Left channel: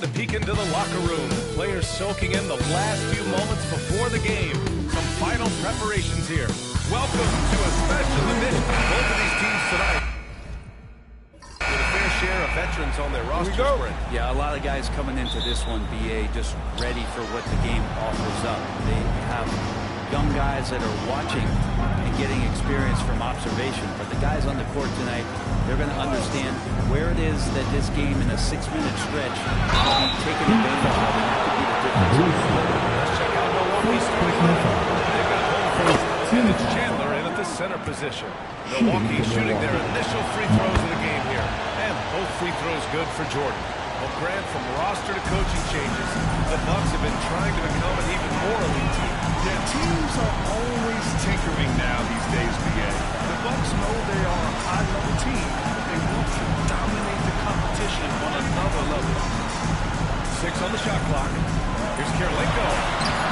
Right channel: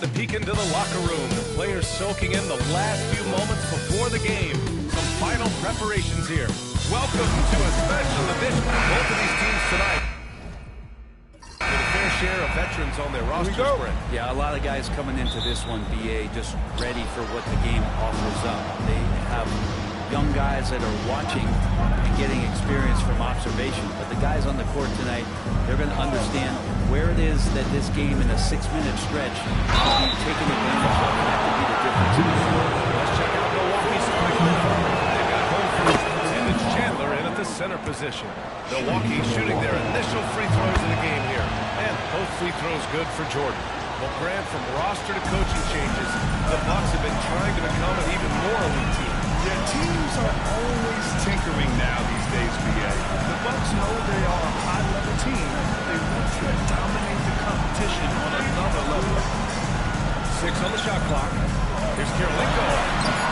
time to peek into the locker room. The players soaking in the last few moments before the game. Some final preparations here. Welcome to a special edition of both of these teams tonight. With a fair share of veterans on their roster spread. Yeah, a lot of guys coming into this one, BA, just ready for what the game offers up. They have young guys that are watching and getting experience from observation. But the guys on the court tonight, they're going to understand where it is that this game in a 6-minute stretch will be taken advantage of, and that could be the difference. Let's check out Milwaukee's starting lineup. They've got home first, and it's Chandler in at the center position. Milwaukee shooting their initial free throws of the game here, and both free throws good for Jordan. Well, Grant, from roster to coaching changes, the Bucks have been trying to become an even more elite team. Yeah, teams are always tinkering now these days, BA. The Bucks know they are a high-level team, but they want to dominate the competition on another level. 6 on the shot clock. Here's Kirilenko,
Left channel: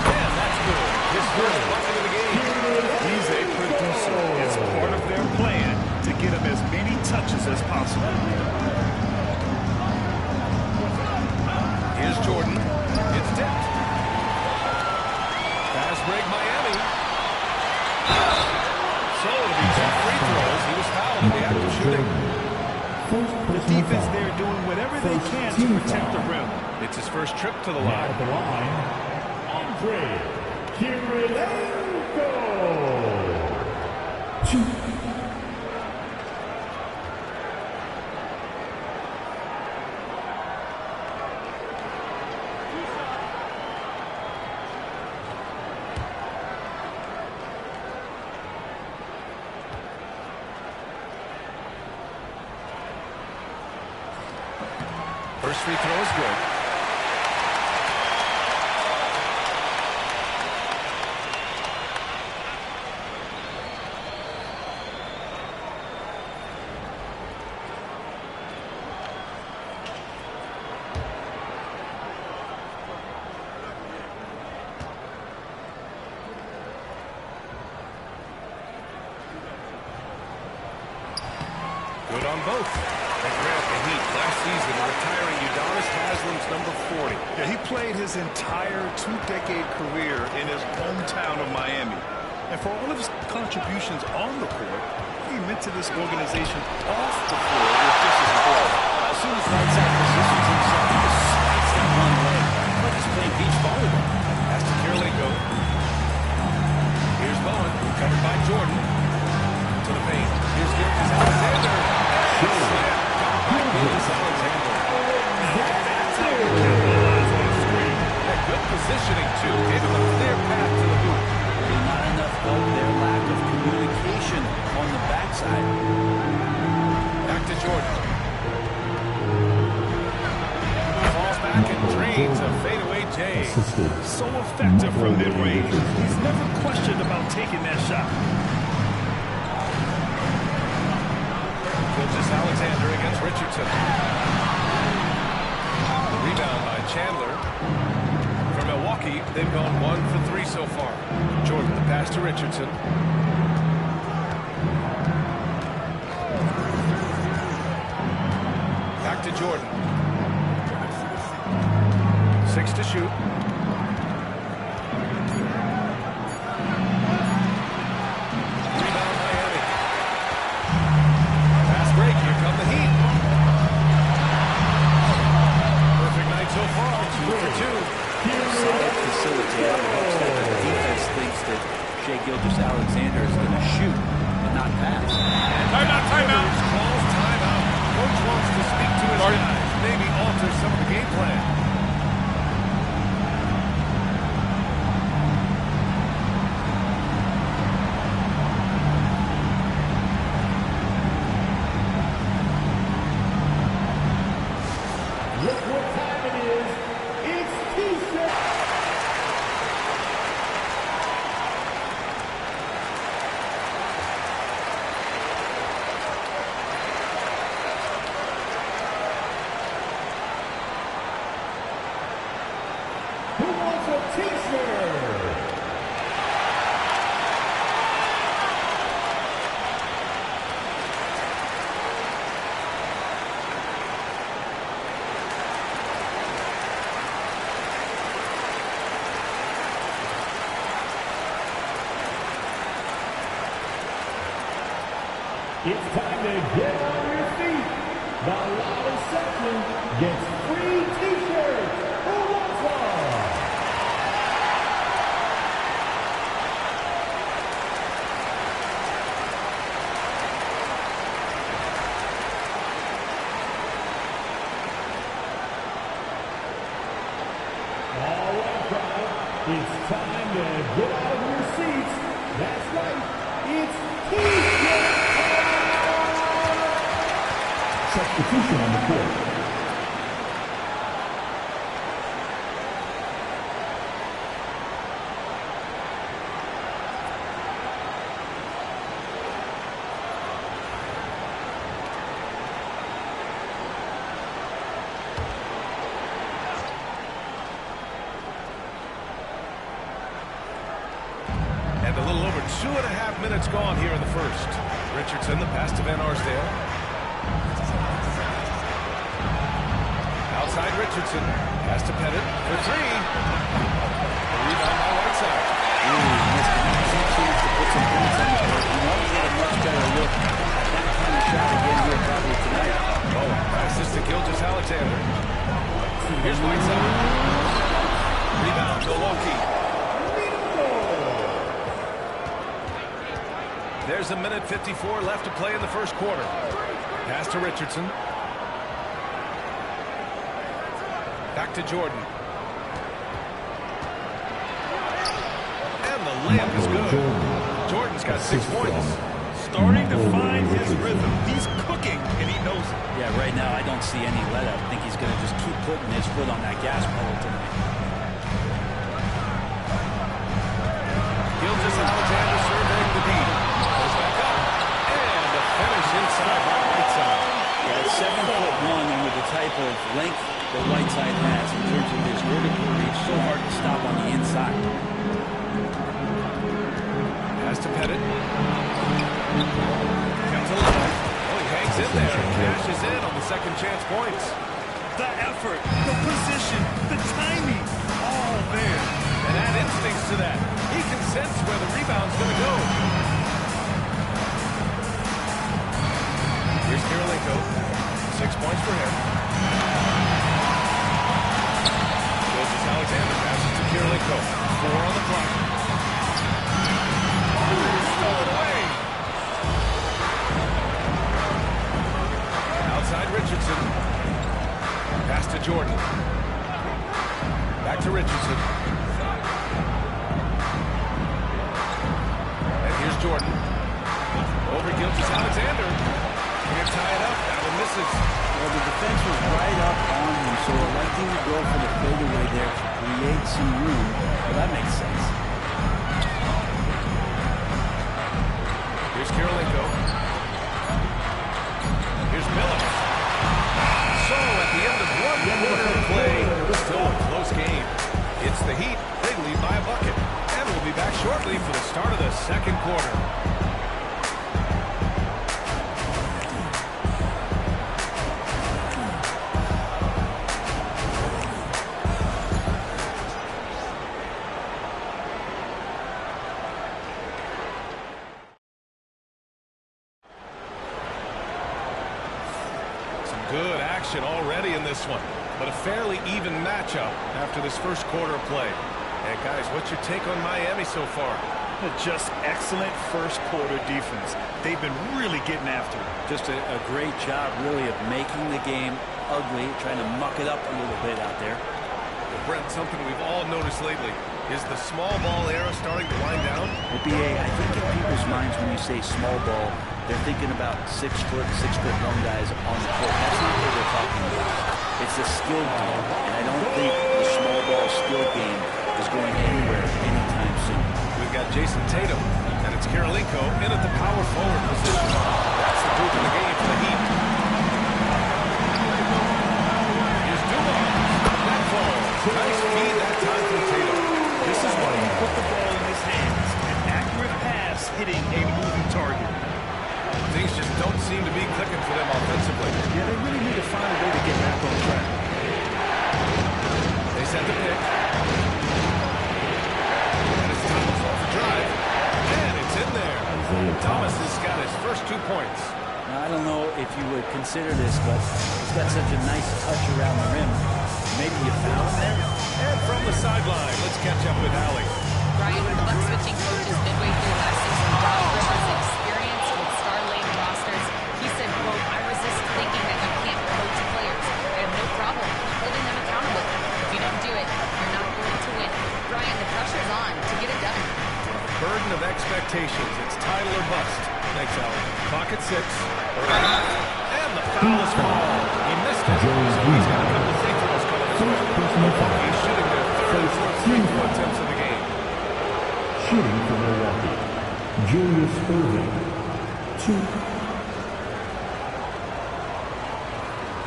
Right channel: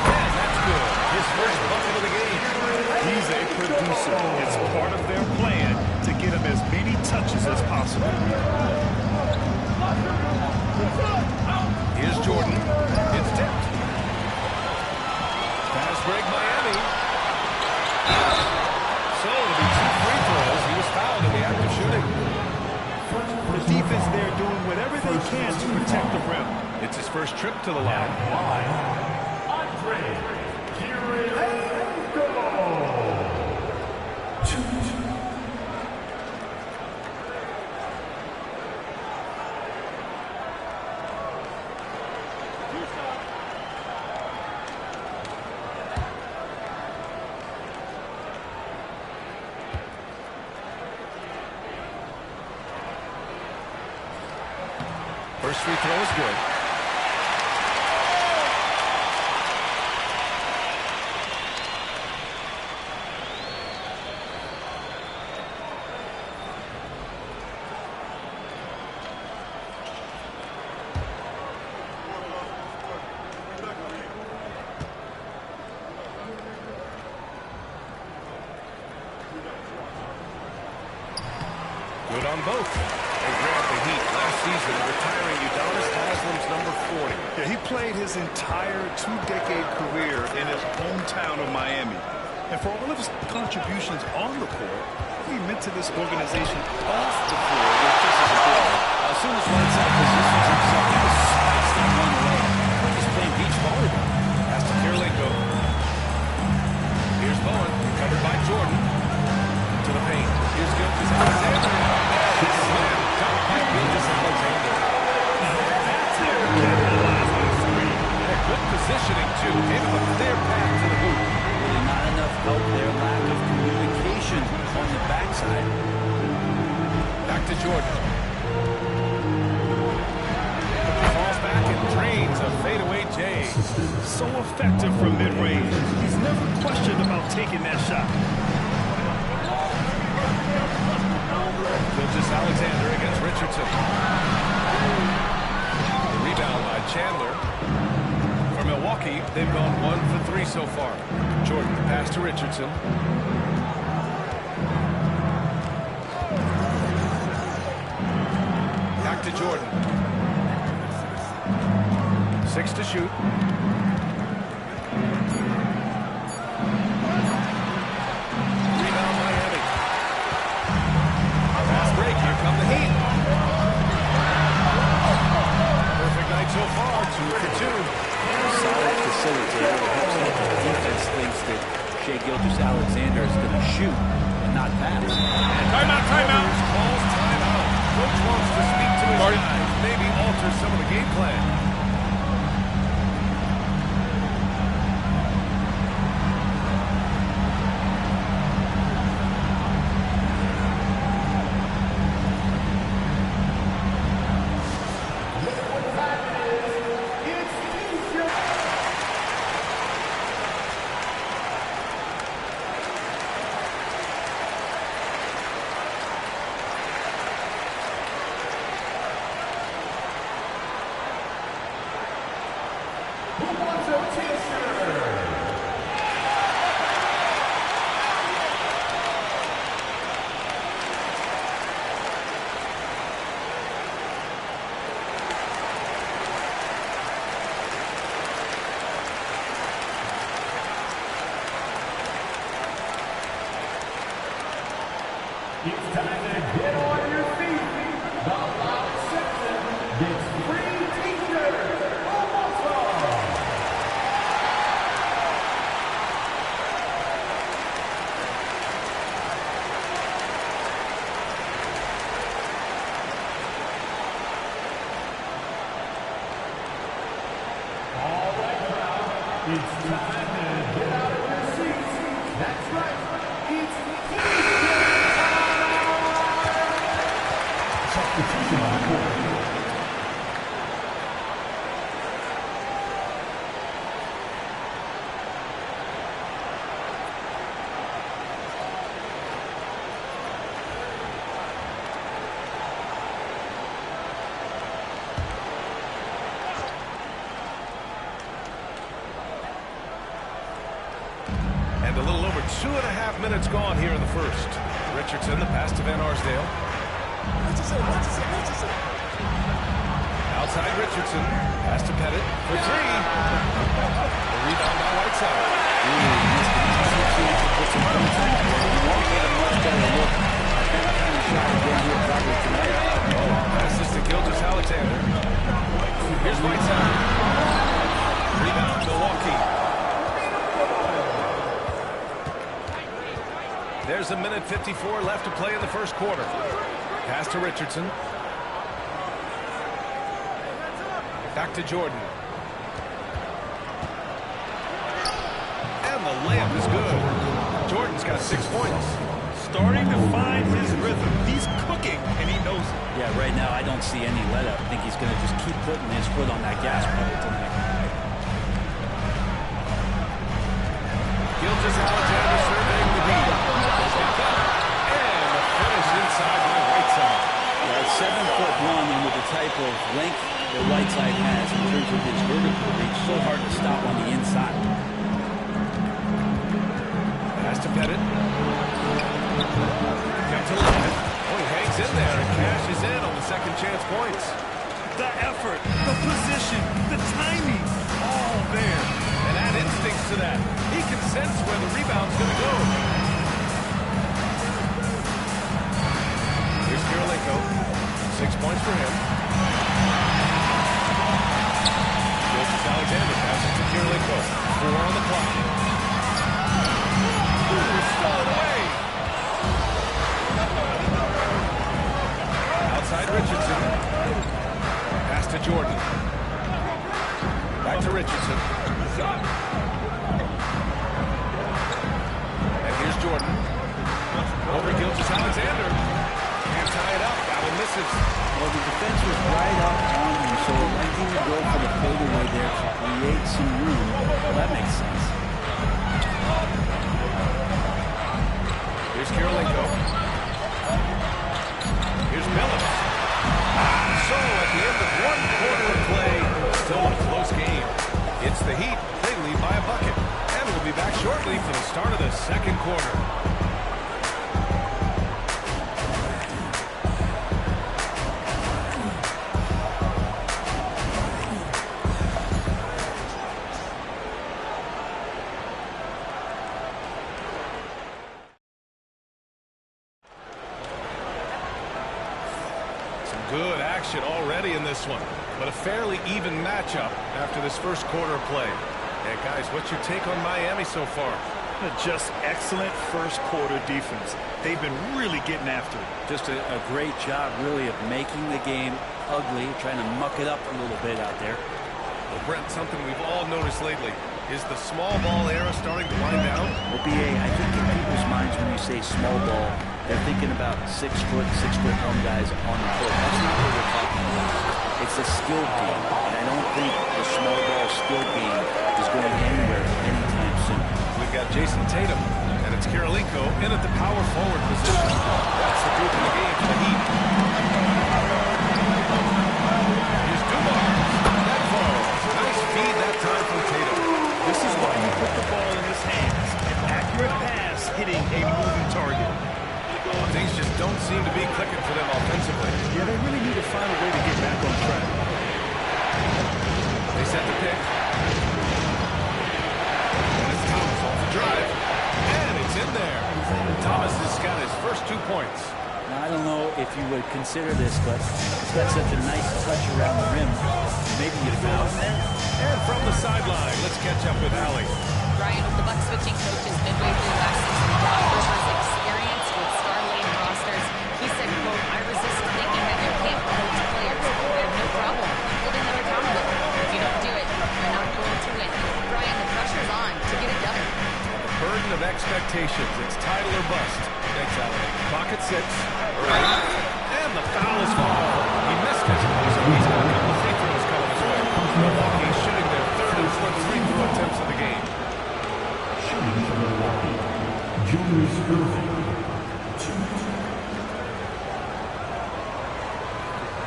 and that's good. His first bucket of the game. He's a producer. It's part of their plan to get him as many touches as possible. Here's Jordan. It's tipped. Fast break, Miami. So it'll be 2 free throws. He was fouled in the act of shooting. The defense there doing whatever they can to protect the rim. It's his first trip to the line. Andre Kirilenko. First free throw is good. Good on both. And Grant, the Heat last season retiring Udonis Haslam's number 40. Yeah, he played his entire 2-decade career in his hometown of Miami. And for all of his contributions on the court, he meant to this organization off the floor was just as important. As soon as Whiteside positions himself, he just spikes that one away. Like he's playing beach volleyball. Pass to Kirilenko. Here's Bowen, covered by Jordan. To the paint. Here's Gilgeous-Alexander. And slam dunk by Gilgeous-Alexander. That's how you capitalize on a screen. Yeah, good positioning, too. Gave him a clear path to the hoop. Really not enough help there. Lack of communication on the backside. Back to Jordan. Falls back and drains a fadeaway J. So effective from mid-range. He's never questioned about taking that shot. Gilgeous-Alexander against Richardson. The rebound by Chandler. For Milwaukee, they've gone 1 for 3 so far. Jordan, the pass to Richardson. Back to Jordan. 6 to shoot. Rebound Miami. Fast break. Here come the Heat. Perfect night so far. 2 for 2. A solid facilitator who hopes that the defense thinks that Shai Gilgeous-Alexander is going to shoot and not pass. And timeout. Calls timeout. Coach wants to speak to his guys. Maybe alter some of the game plan. Who wants a t-shirt? It's time to get on your feet. The loudest section gets free t-shirts. Who wants one? All right, crowd. It's time to get out of your seats. That's right. It's t-shirt time. Substitution on the court. And a little over 2.5 minutes gone here in the first. Richardson, the pass to Van Arsdale. Outside Richardson. Pass to Pettit for three. The rebound by Whiteside. Ooh, missed an easy chance to put some points on the board. He won't get a much better look at that kind of shot again here probably tonight. Oh, passes to Gilgeous-Alexander. Here's Whiteside. Rebound, Milwaukee. There's 1:54 left to play in the first quarter. Pass to Richardson. Back to Jordan. And the layup is good. Jordan's got 6 points. Starting to find his rhythm. He's cooking, and he knows it. Yeah, right now I don't see any let up. I think he's going to just keep putting his foot on that gas pedal tonight. Gilgeous-Alexander surveying the D. Goes back up. And the finish inside by Whiteside. Yeah, 7'1", and with the type of length that Whiteside has in terms of his vertical reach, so hard to stop on the inside. Pass to Pettit. Kept alive. Oh, he hangs in there and cashes in on the second chance points. The effort, the position, the timing, all there. And add instincts to that. He can sense where the rebound's going to go. Here's Kirilenko. 6 points for him. Gilgeous-Alexander passes to Kirilenko. 4 on the clock. Ooh, stolen away. Outside Richardson. Pass to Jordan. Back to Richardson. And here's Jordan. Over Gilgeous-Alexander. Can't tie it up. That one misses. Well, the defense was right up on him, so electing to go for the fadeaway there to create some room. Well, that makes sense. Here's Kirilenko. Here's Billups. So, at the end of 1 quarter of play, still a close game. It's the Heat. They lead by a bucket. And we'll be back shortly for the start of the second quarter. Some good action already in this one, but a fairly even matchup after this first quarter of play. And guys, what's your take on Miami so far? Just excellent first quarter defense. They've been really getting after it. Just a great job, really, of making the game ugly, trying to muck it up a little bit out there. Well, Brent, something we've all noticed lately. Is the small ball era starting to wind down? Well, B.A., I think in people's minds when you say small ball, they're thinking about 6'1" guys on the court. That's not what we're talking about. It's a skilled game, and I don't think the small ball skilled game is going anywhere anytime soon. We've got Jason Tatum, and it's Kirilenko in at the power forward position. That's the group in the game for the Heat. Here's Dumars. That falls. Nice feed that time from Tatum. This is why you put the ball in his hands. An accurate pass hitting a moving target. Things just don't seem to be clicking for them offensively. Yeah, they really need to find a way to get back on track. They set the pick. And it's Thomas off the drive. And it's in there. Thomas has got his first 2 points. Now, I don't know if you would consider this, but he's got such a nice touch around the rim. Maybe you foul him there? And from the sideline, let's catch up with Allie. Brian, with the Bucks switching coaches midway through last season, Doc Rivers' experience with star-laden rosters, he said, quote, "I resist thinking that you can't coach players. I have no problem holding them accountable. If you don't do it, you're not going to win." Brian, the pressure's on to get it done. The burden of expectations. It's title or bust. Thanks, Allie. Clock at 6. And the foul is called. He missed it, so he's got a couple of free throws coming his way. Milwaukee shooting their 3rd and 4th free throw attempts of the game. Shooting for Milwaukee, Julius Irving, 2.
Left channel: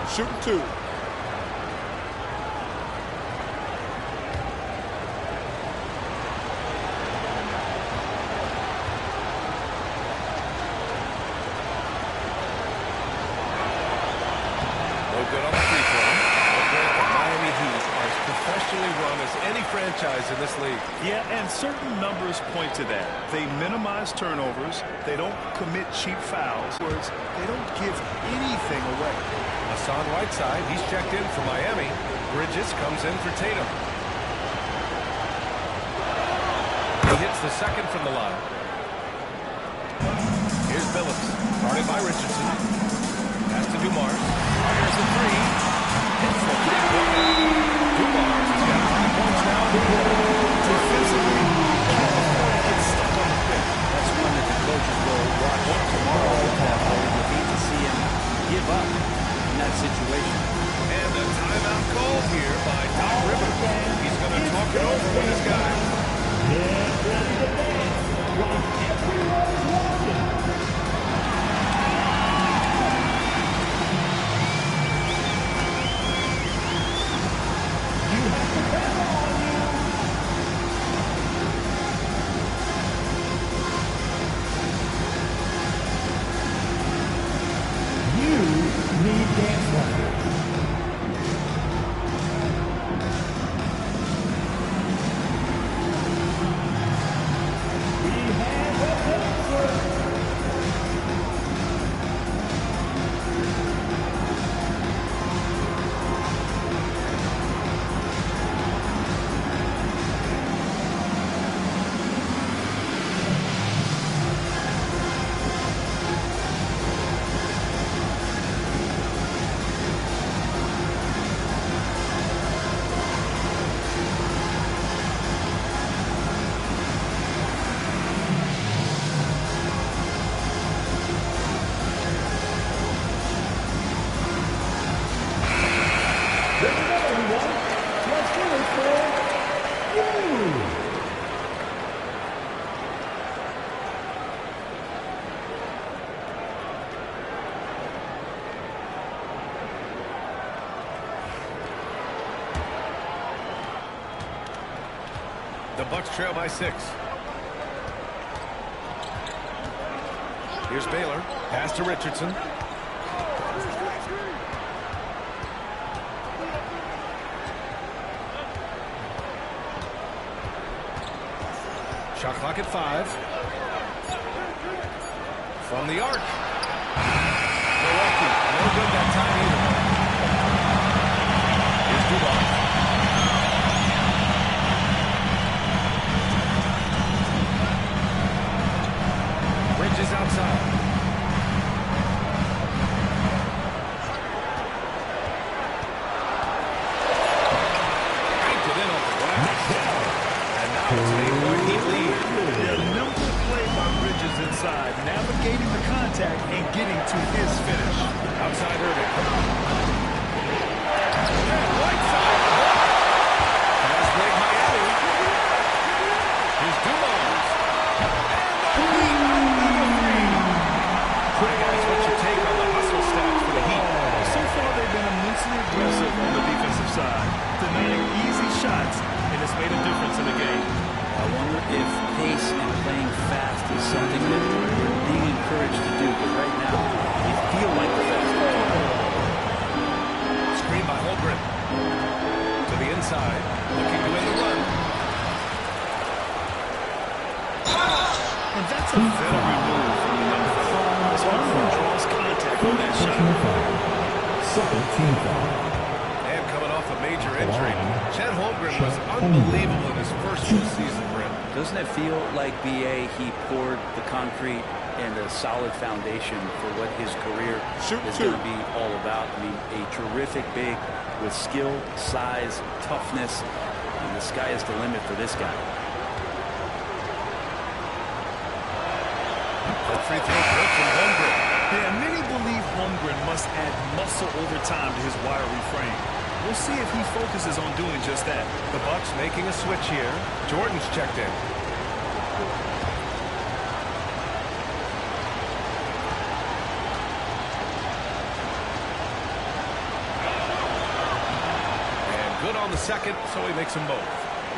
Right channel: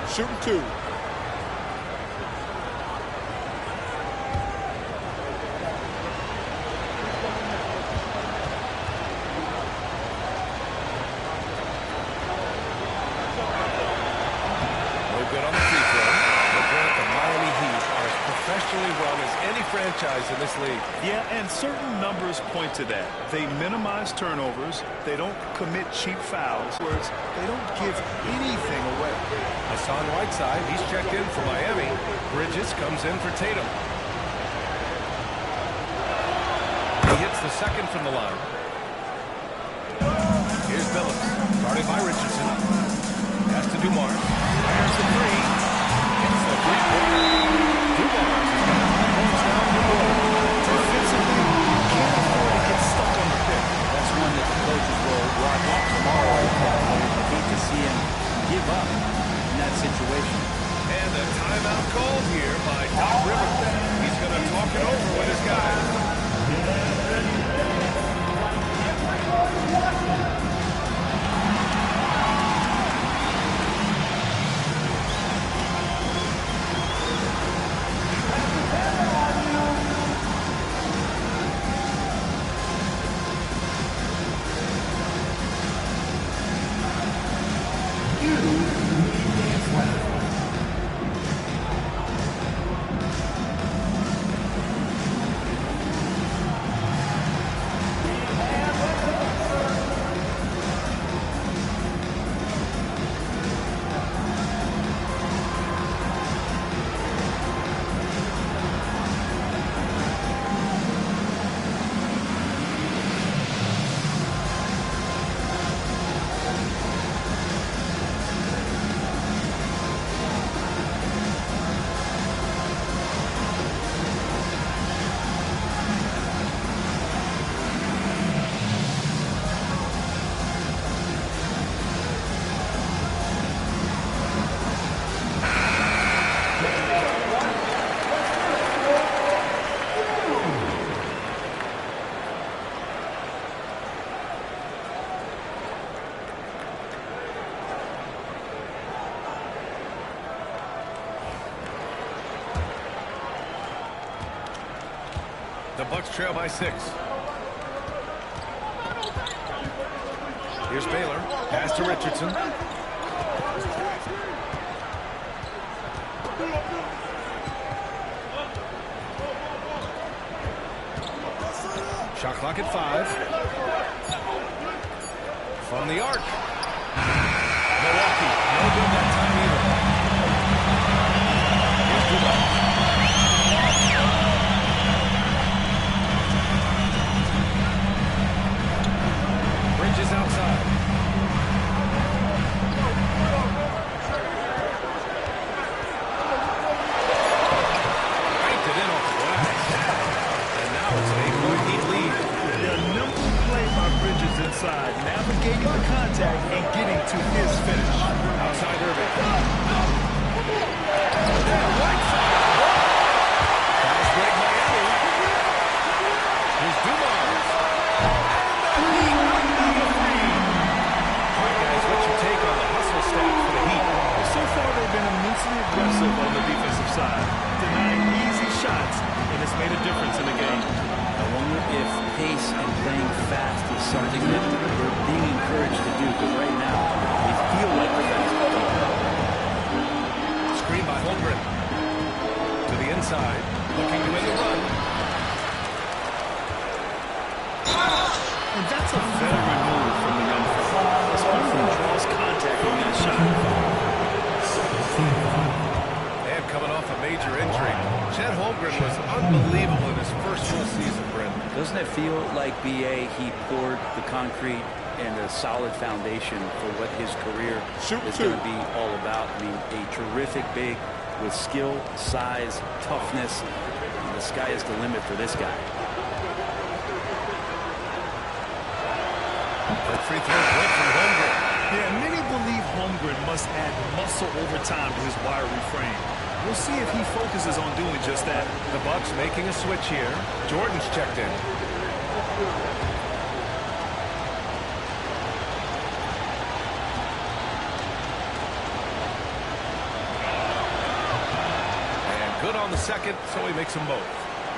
Shooting 2. No good on the free throw. But Grant, the Miami Heat are as professionally run as any franchise in this league. Yeah, and certain numbers point to that. They minimize turnovers. They don't commit cheap fouls. Words, they don't give anything away. Hassan Whiteside, he's checked in for Miami. Bridges comes in for Tatum. He hits the second from the line. Here's Billups, guarded by Richardson. Pass to Dumars. Fires the 3. Hits the 3-pointer. Dumars has got 5 points now in the quarter. Defensively, you can't afford to get stuck on the pick. That's one that the coaches will watch tomorrow with that player. You hate to see him give up in that situation. And a timeout called here by Doc Rivers. He's going to talk it over with his guys. Everyone's watching. You need dance lessons. We have a dancer. Everyone, let's hear it for you. The Bucks trail by 6. Here's Baylor. Pass to Richardson. Shot clock at 5. From the arc. Milwaukee, no good that time either. Here's Dumars. Bridges outside. Banked it in off the glass. And now it's an 8-point Heat lead. The nimble play by Bridges inside, navigating the contact and getting to his finish. Outside Irving. And Whiteside on the block. Fast break Miami. Here's Dumars. And the Heat, another 3. All right, guys, what's your take on the hustle stats for the Heat? So far, they've been immensely aggressive on the defensive side, denying easy shots, and it's made a difference in the game. I wonder if pace and playing fast is something that they're being encouraged to do, because right now they feel like the faster team. Screen by Holmgren. To the inside, looking to win the run. And that's a veteran move from the young fella, as Holmgren draws contact on that shot. Second team foul. And coming off a major injury, Chet Holmgren was unbelievable in his first full season, Brent. Doesn't it feel like BA, he poured the concrete and a solid foundation for what his career is going to be all about? I mean, a terrific big with skill, size, toughness. And the sky is the limit for this guy. That free throw good from Holmgren. Yeah, many believe Holmgren must add muscle over time to his wiry frame. We'll see if he focuses on doing just that. The Bucks making a switch here. Jordan's checked in. And good on the second, so he makes them both.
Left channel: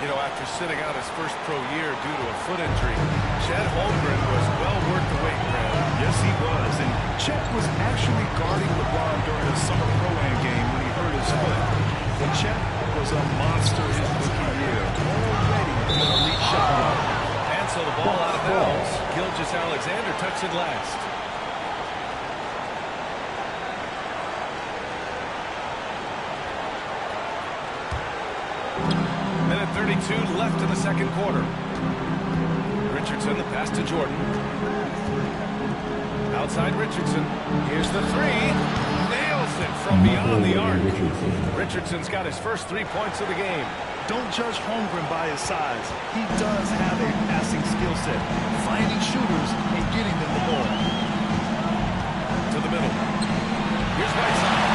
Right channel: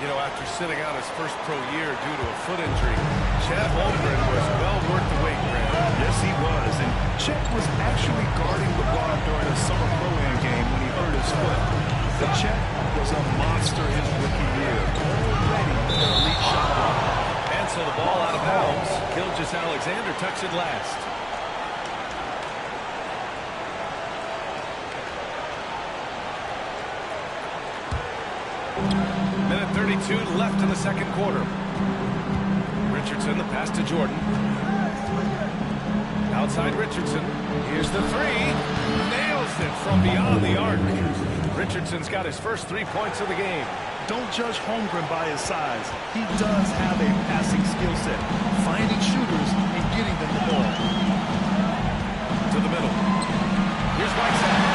You know, after sitting out his first pro year due to a foot injury, Chet Holmgren was well worth the wait, Graham. Yes, he was. And Chet was actually guarding LeBron during a summer pro-am game when he hurt his foot. But Chet was a monster his rookie year. Already an elite shot blocker. And so the ball out of bounds. Gilgeous-Alexander tucks it last. Minute 32 left in the second quarter. Richardson, the pass to Jordan. Outside Richardson. Here's the three. Nails it from beyond the arc. Richardson's got his first 3 points of the game. Don't judge Holmgren by his size. He does have a passing skill set, finding shooters and getting them the ball. To the middle. Here's Whiteside.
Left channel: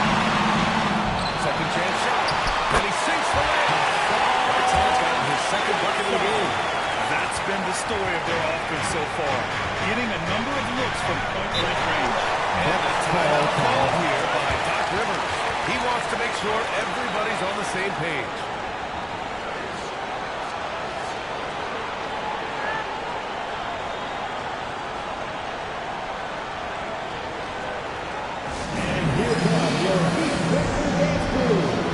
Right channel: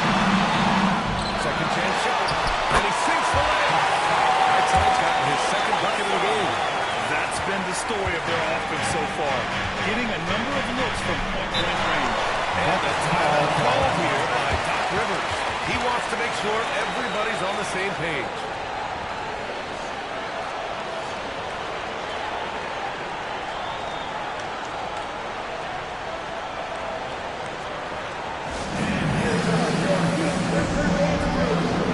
Second chance shot. And he sinks the layup. Whiteside's gotten his second bucket of the game. That's been the story of their offense so far, getting a number of looks from point-blank range. And a timeout called here by Doc Rivers. He wants to make sure everybody's on the same page. And here comes your heat breaker dance crew.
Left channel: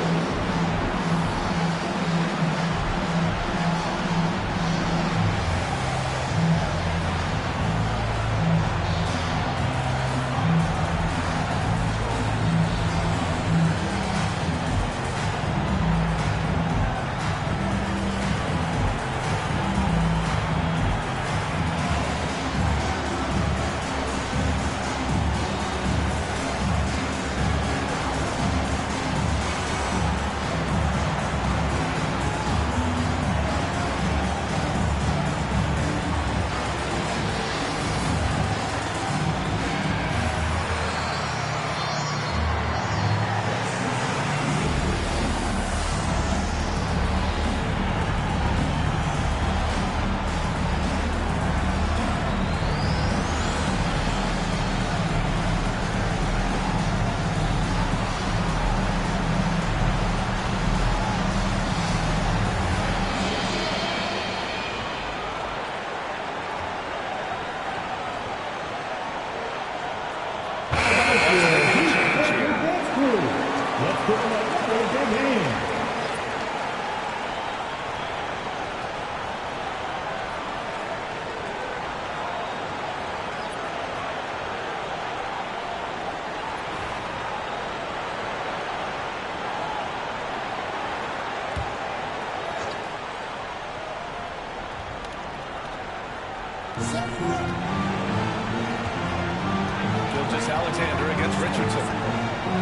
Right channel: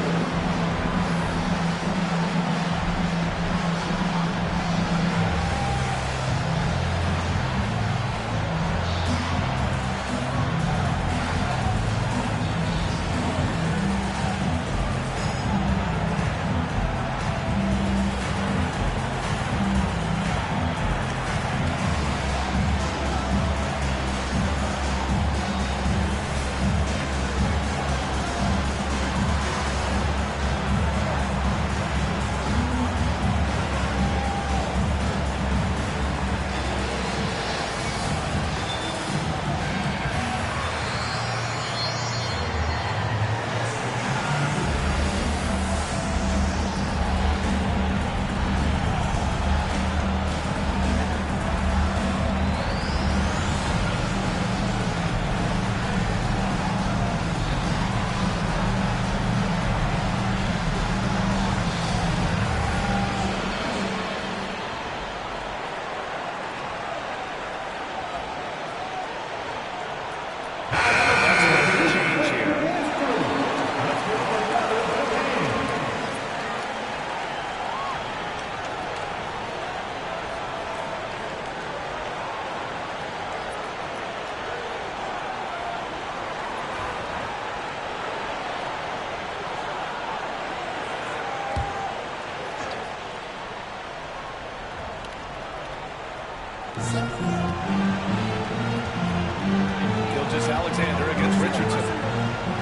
Gilgeous-Alexander against Richardson.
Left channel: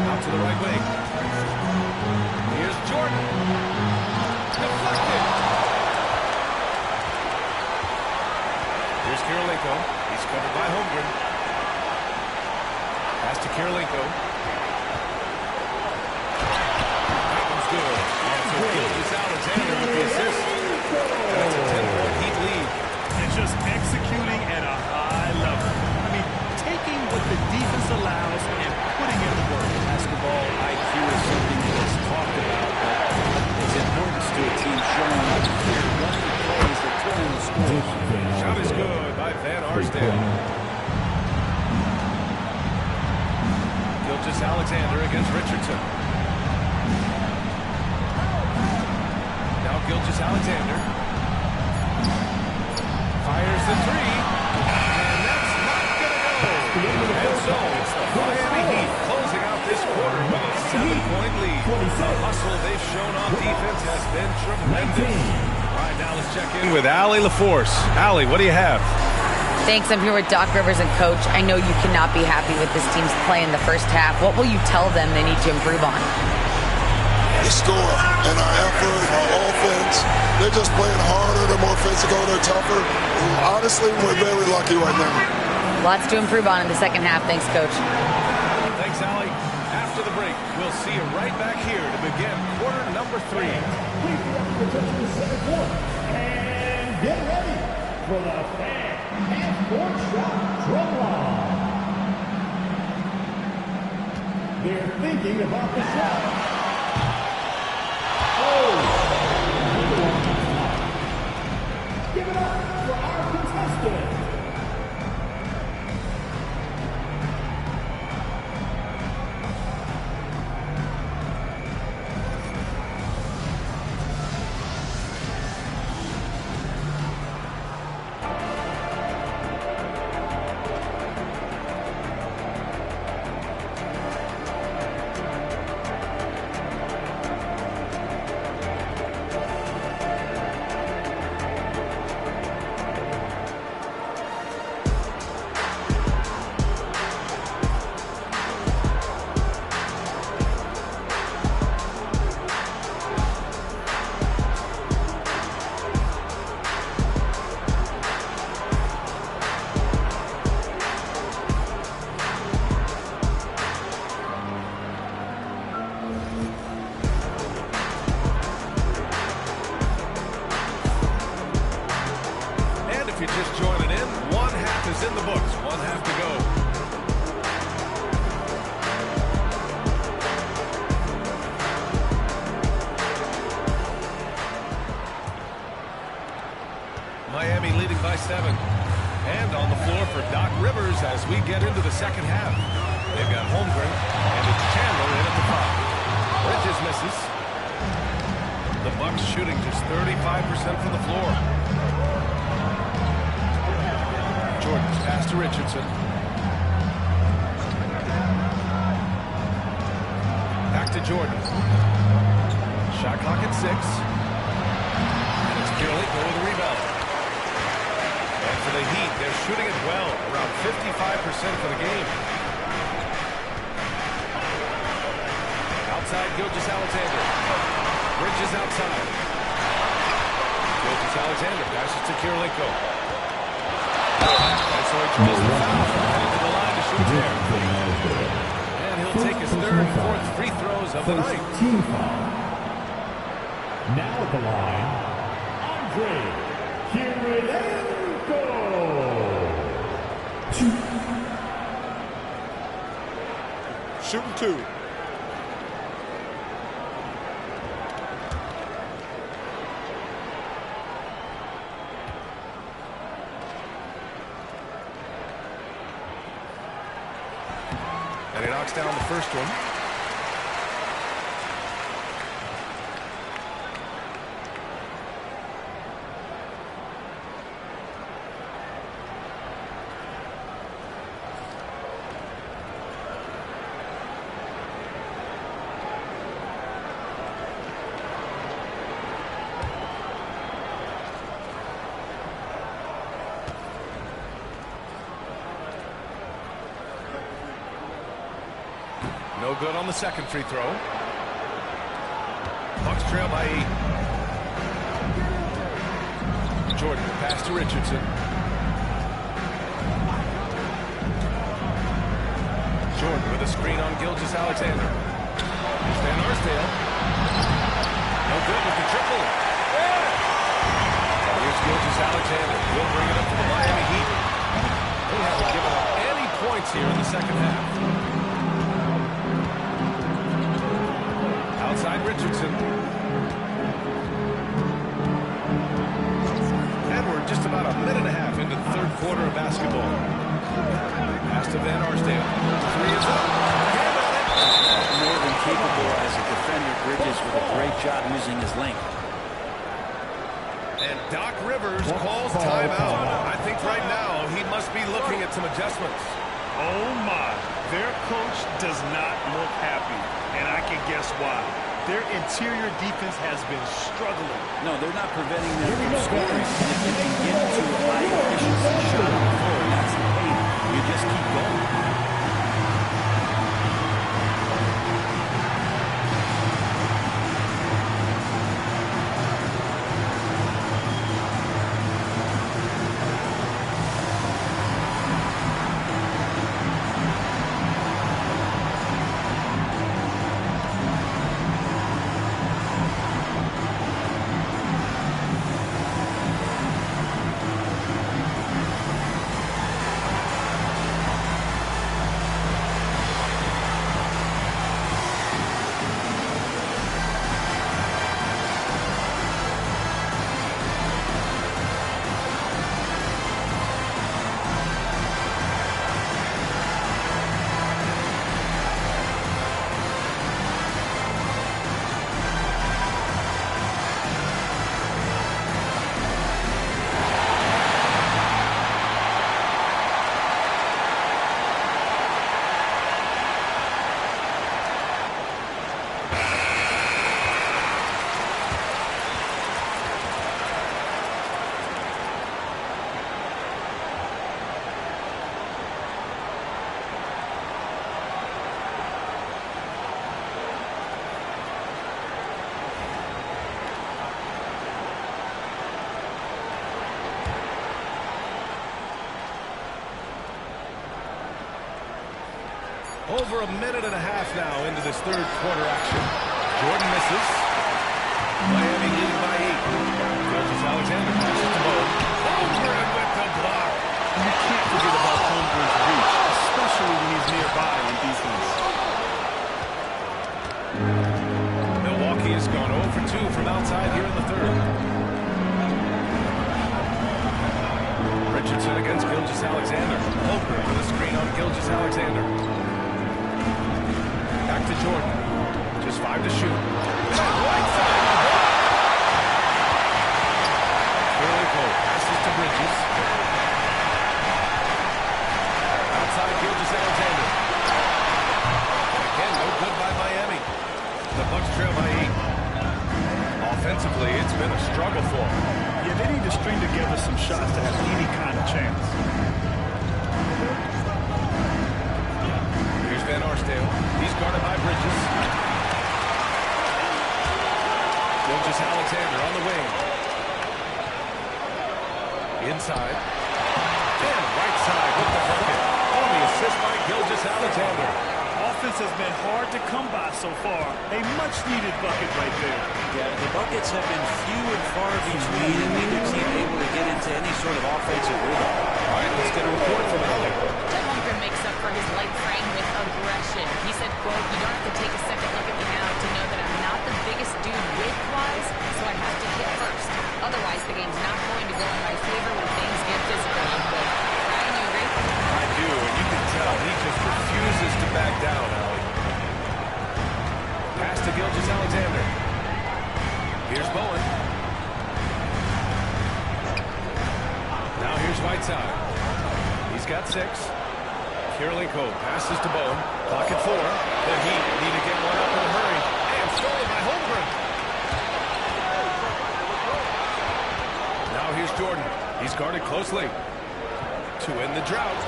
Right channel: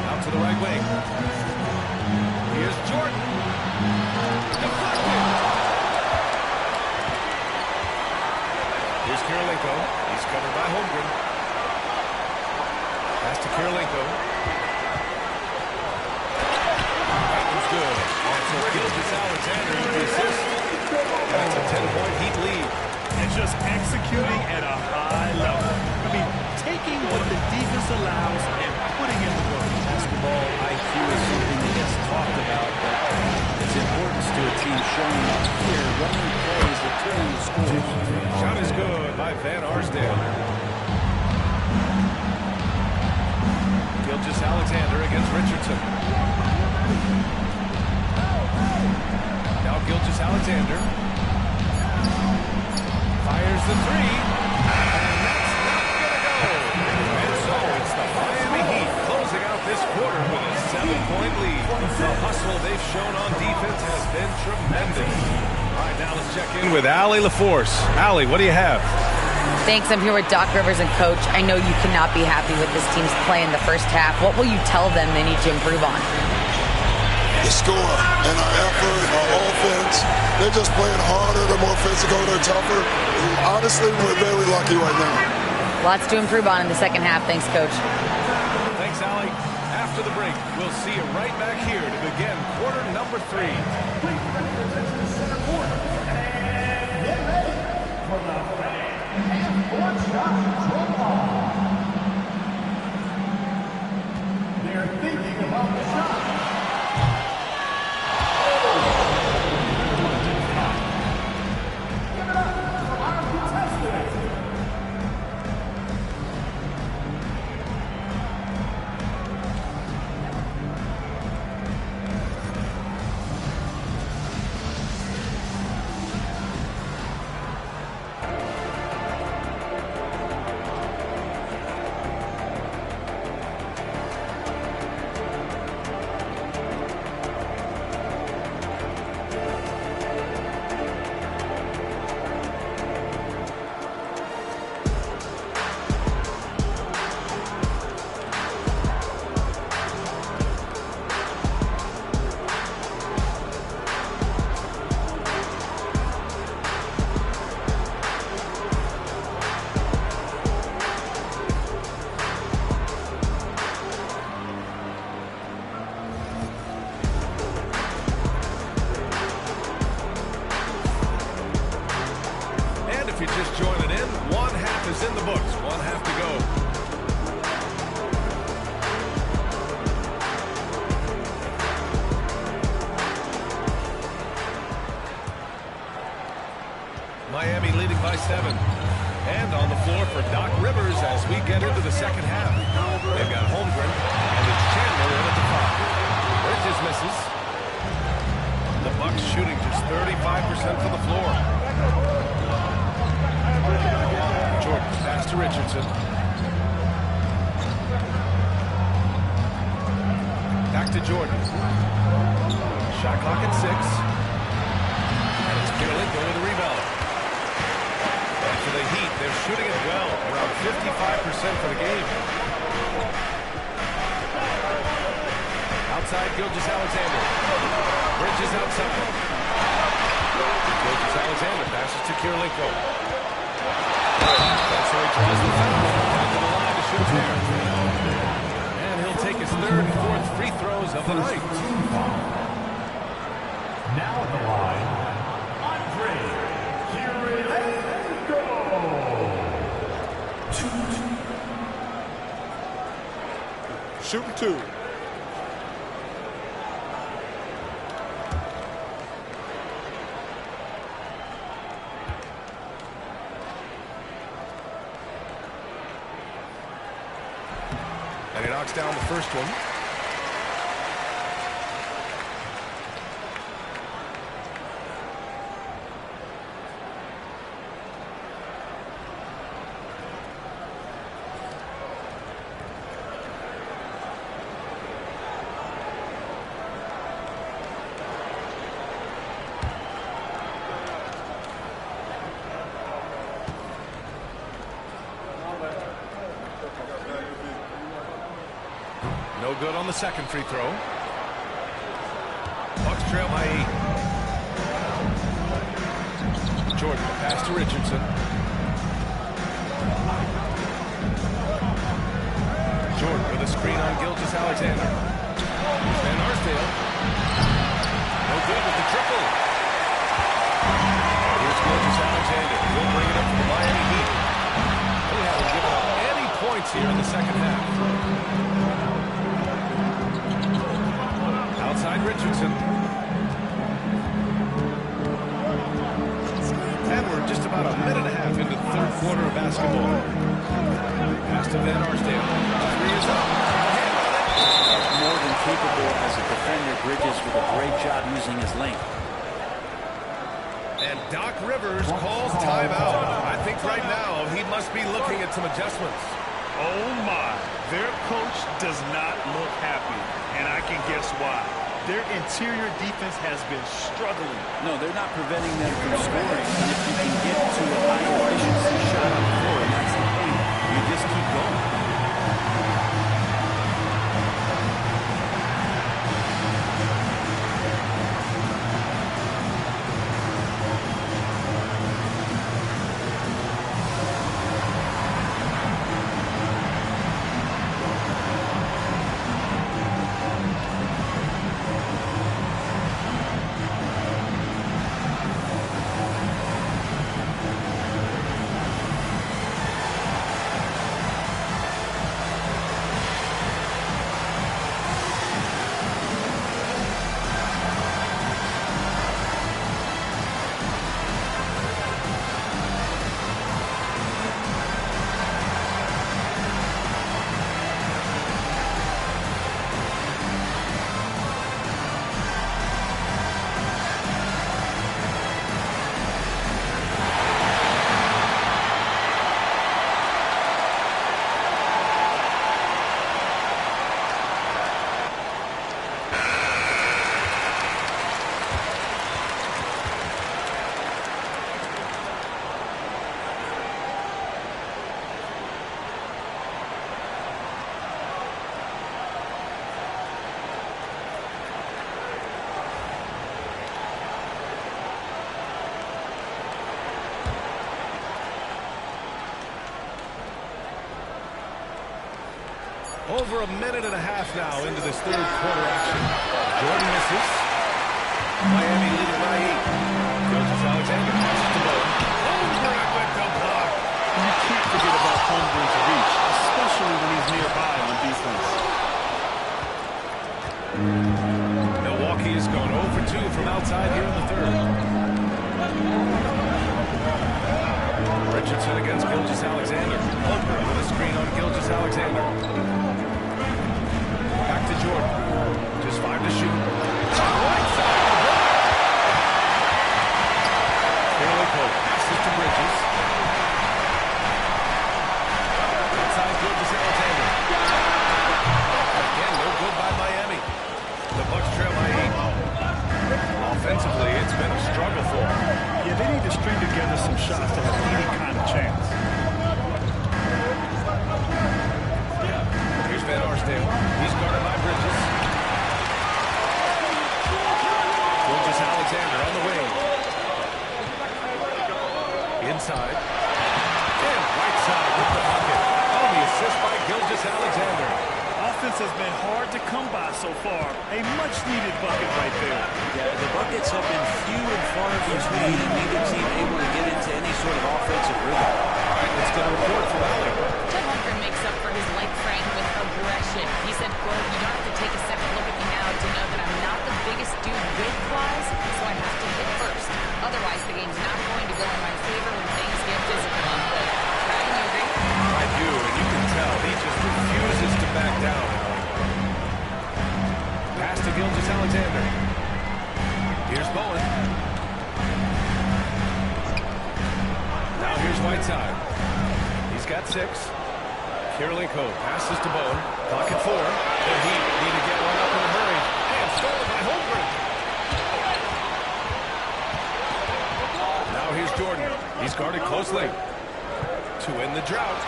Out to the right wing. Here's Jordan. Deflected. Here's Kirilenko. He's covered by Holmgren. Pass to Kirilenko. That one's good. And so Gilgeous-Alexander with the assist. And it's a 10-point Heat lead. And just executing at a high level. I mean, taking what the defense allows and putting in the work. Basketball IQ is something that gets talked about, but its importance to a team showing up here, running plays that turn into scores. Shot is good by Van Arsdale. Gilgeous-Alexander against Richardson. Now Gilgeous-Alexander. Fires the three. And that's not going to go. And so it's the Miami Heat closing out this quarter with a 7-point lead. The hustle they've shown on defense has been tremendous. All right, now let's check in with Allie LaForce. Allie, what do you have? Thanks. I'm here with Doc Rivers and Coach. I know you cannot be happy with this team's play in the first half. What will you tell them they need to improve on? The score and our effort, our offense. They're just playing harder. They're more physical. They're tougher. Honestly, we're very lucky right now. Lots to improve on in the second half. Thanks, Coach. Thanks, Allie. After the break, we'll see you right back here to begin quarter number 3. Please direct your attention to center court. And get ready for the fan half-court shot drum line. They're thinking about the shot. Give it up for our contestants. If you're just joining in, one half is in the books. One half to go. Miami leading by 7. And on the floor for Doc Rivers as we get into the second half. They've got Holmgren, and it's Chandler in at the 5. Bridges misses. The Bucks shooting just 35% from the floor. Jordan, pass to Richardson. Back to Jordan. Shot clock at 6. And it's Kirilenko with a rebound. And for the Heat, they're shooting it well, around 55% for the game. Outside, Gilgeous-Alexander. Bridges outside. Gilgeous-Alexander passes to Kirilenko. And so he draws the foul, headed to the line to shoot a pair. And he'll take his 3rd and 4th free throws of the night. Team foul. Now at the line, Andre Kirilenko. Shooting 2. And he knocks down the first one. No good on the second free throw. Bucks trail by 8. Jordan, the pass to Richardson. Jordan with a screen on Gilgeous-Alexander. Here's Van Arsdale. No good with the triple. And here's Gilgeous-Alexander. He'll bring it up for the Miami Heat. They haven't given up any points here in the second half. Outside Richardson. And we're just about a minute and a half into the 3rd quarter of basketball. Pass to Van Arsdale. 3 is up. Got a hand on it. More than capable as a defender. Bridges with a great job using his length. And Doc Rivers calls timeout. I think right now he must be looking at some adjustments. Oh, my. Their coach does not look happy, and I can guess why. Their interior defense has been struggling. No, they're not preventing them from scoring. And if you can get to a high-efficiency shot on the floor, and that's the paint, you just keep going. Over a minute and a half now into this third quarter action. Jordan misses. Miami leading by 8. Gilgeous-Alexander passes to Bowen. Holmgren with the block. And you can't forget about Holmgren's reach, especially when he's nearby on defense. Milwaukee has gone 0 for 2 from outside here in the third. Richardson against Gilgeous-Alexander. Holmgren with a screen on Gilgeous-Alexander. Back to Jordan. Just 5 to shoot. And Whiteside the block. Fairly Cole passes to Bridges. Outside Gilgeous-Alexander. Again, no good by Miami. The Bucks trail by 8. Offensively, it's been a struggle for them. Yeah, they need to string together some shots to have any kind of chance. Here's Van Arsdale. He's guarded by Bridges. Gilgeous-Alexander on the wing. Inside. And Whiteside with the bucket. On the assist by Gilgeous-Alexander. Offense has been hard to come by so far. A much-needed bucket right there. Yeah, the buckets have been few and far between, and neither team able to get into any sort of offensive rhythm. All right, let's get a report from Allie. Chet Holmgren makes up for his light frame with aggression. He said, quote, "You don't have to take a second look at me now to know that I'm not the biggest dude width-wise, so I have to hit first. Otherwise, the game's not going to go in my favor when things get physical," unquote. Ryan, you agree? I do, and you can tell he just refuses to back down, Allie. Pass to Gilgeous-Alexander. Here's Bowen. Now here's Whiteside. He's got 6. Kirilenko passes to Bowen. Clock at 4. The Heat need to get one up in a hurry. And stolen by Holmgren. Now here's Jordan. He's guarded closely. To end the drought.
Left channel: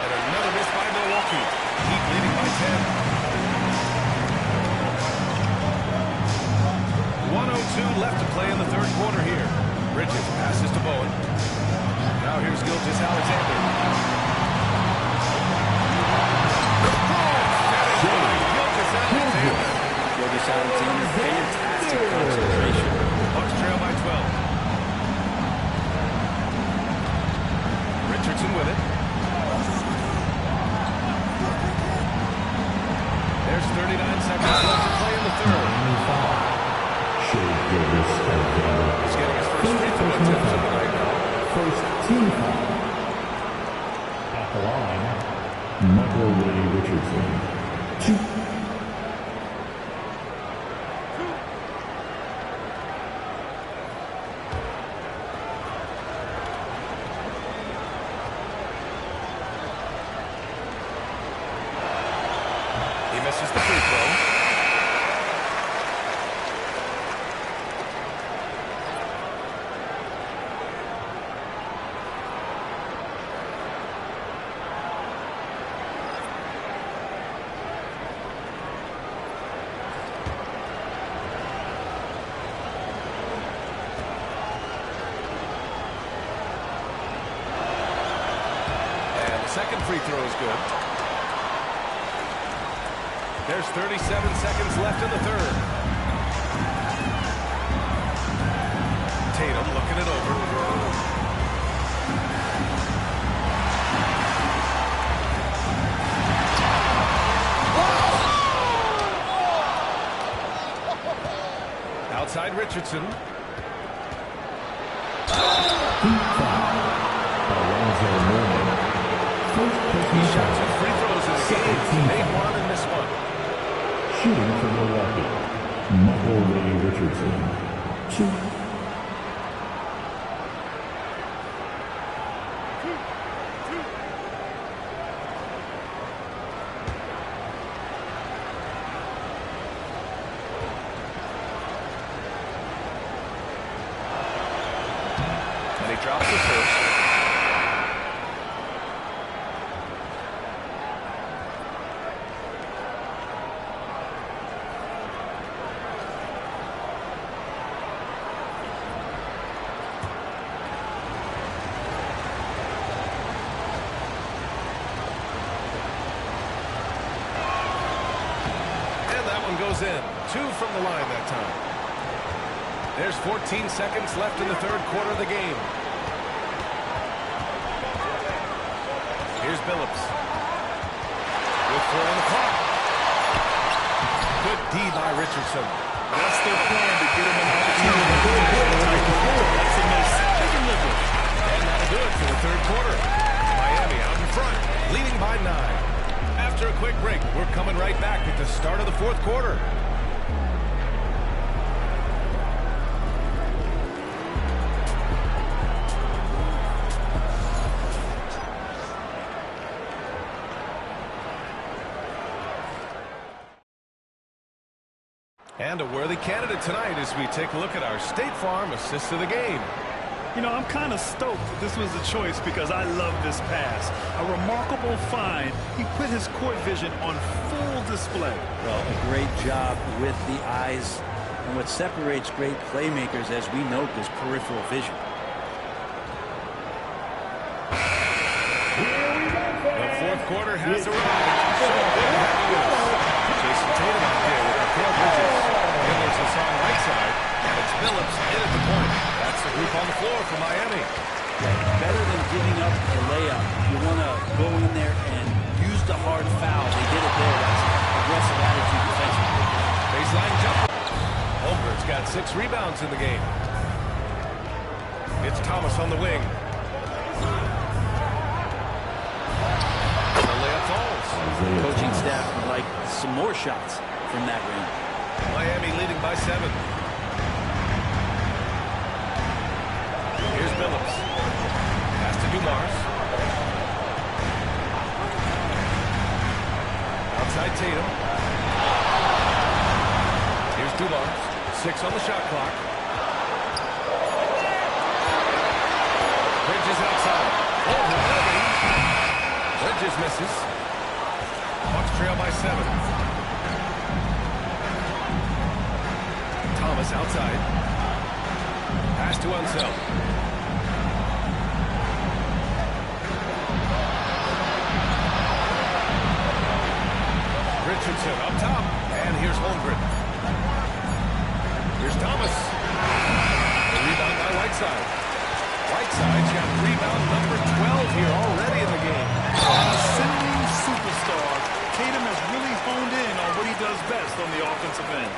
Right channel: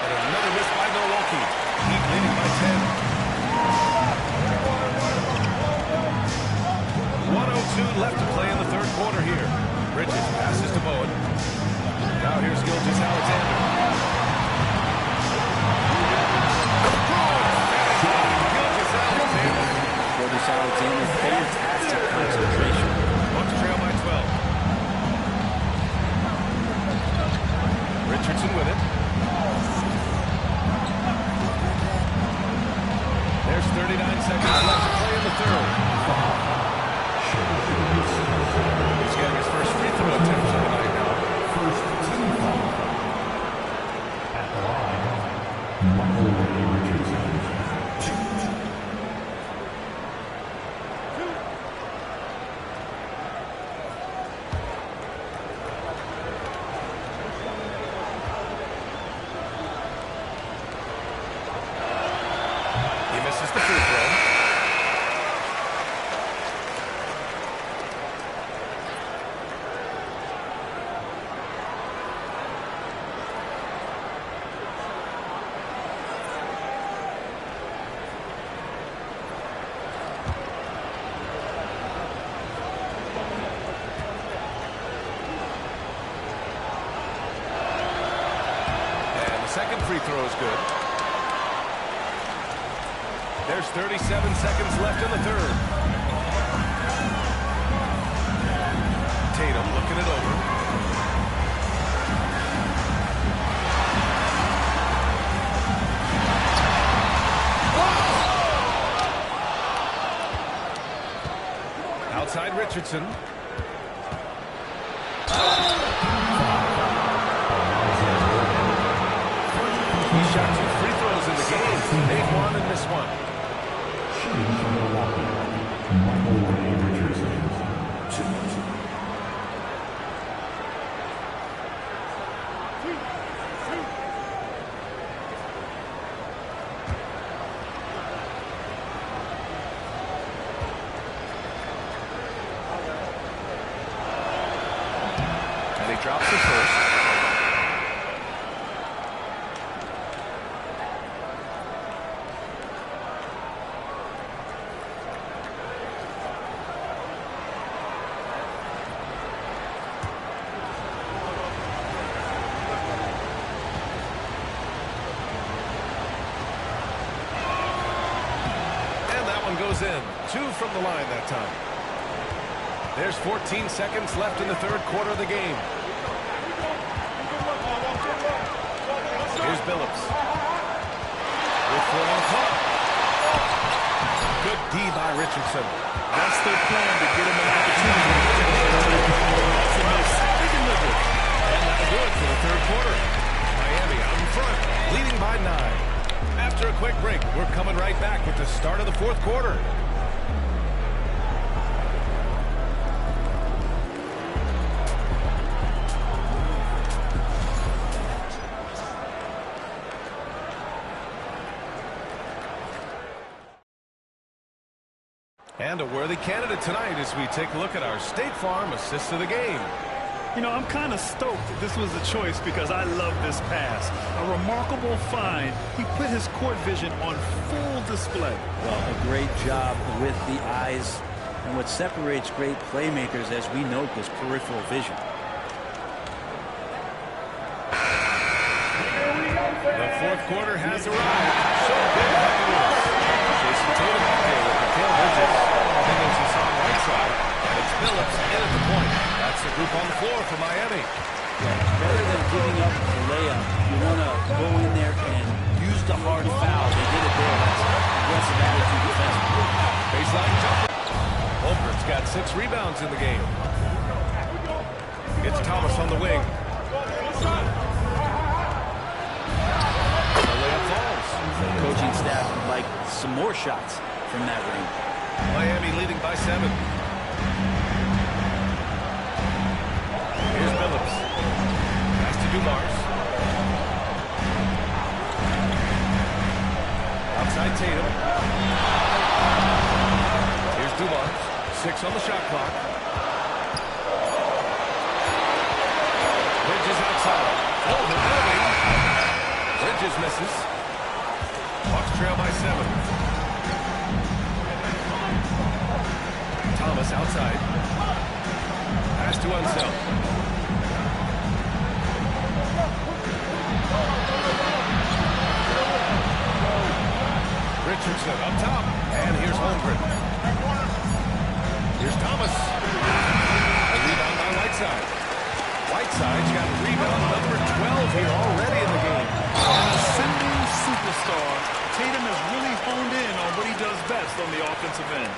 And another miss by Milwaukee. Heat leading by 10. 1:02 left to play in the third quarter here. Bridges passes to Bowen. Now here's Gilgeous-Alexander. Finish by Gilgeous-Alexander. Gilgeous-Alexander, fantastic concentration. Bucks trail by 12. Richardson with it. There's 39 seconds left to play in the third. He's getting his first free throw attempts of the night now. First team foul. At the line, Michael Ray Richardson. 2. Misses the free throw. Second free throw is good. There's 37 seconds left in the third. Tatum looking it over. Outside Richardson. He shot 2 free throws in the game. He made one and missed one. Shooting for Milwaukee, Michael Ray Richardson, 2. And he drops the first. Goes in. 2 from the line that time. There's 14 seconds left in the third quarter of the game. Here's Billups. With 4 on the clock. Good D by Richardson. That's their plan, to get him an opportunity to finish in tight. That's a miss. They can live with it. And that'll do it for the third quarter. Miami out in front, leading by 9. After a quick break, we're coming right back with the start of the fourth quarter. And a worthy candidate tonight as we take a look at our State Farm assist of the game. You know, I'm kind of stoked that this was a choice because I love this pass. A remarkable find. He put his court vision on full display. Well, a great job with the eyes. And what separates great playmakers, as we note, is peripheral vision. The fourth quarter has arrived. So good to have you with us. Jason Tatum out there with Mikal Bridges. Then there's Hassan Whiteside, and it's Billups in at the point. That's the group on the floor for Miami. Yeah, better than giving up the layup. You want to go in there and use the hard foul. They did it there. That's aggressive attitude defensively. Baseline jumper. Holmgren's got 6 rebounds in the game. It's Thomas on the wing. The layup falls. Coaching staff would like some more shots from that range. Miami leading by 7. Here's Billups. Pass to Dumars. Outside Tatum. Here's Dumars. 6 on the shot clock. Bridges outside. Over Irving. Bridges misses. Bucks trail by 7. Thomas outside. Pass to Unseld. Richardson up top. And here's Holmgren. Here's Thomas. A rebound by Whiteside. Whiteside's got rebound number 12 here already in the game. An ascending superstar. Tatum has really honed in on what he does best on the offensive end.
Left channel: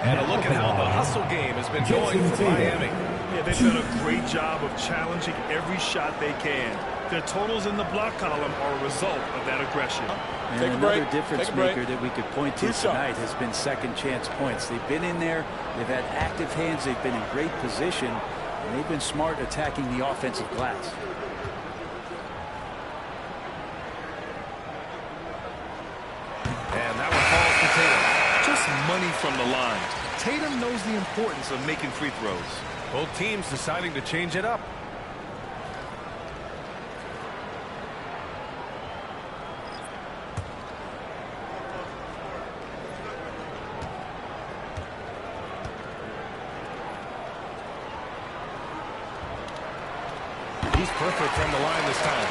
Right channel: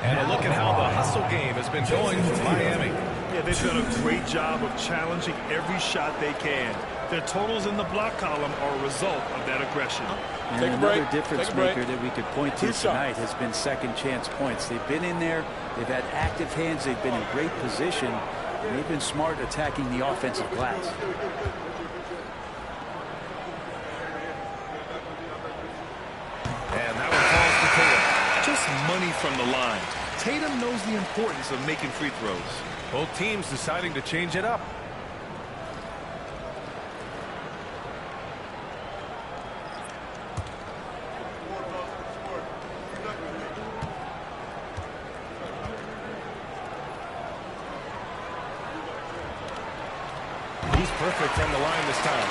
And a look at how the hustle game has been going for Miami. Yeah, they've done a great job of challenging every shot they can. Their totals in the block column are a result of that aggression. And another difference maker that we could point to tonight has been second chance points. They've been in there, they've had active hands, they've been in great position, and they've been smart attacking the offensive glass. And that one falls to Tatum. Just money from the line. Tatum knows the importance of making free throws. Both teams deciding to change it up. He's perfect from the line this time.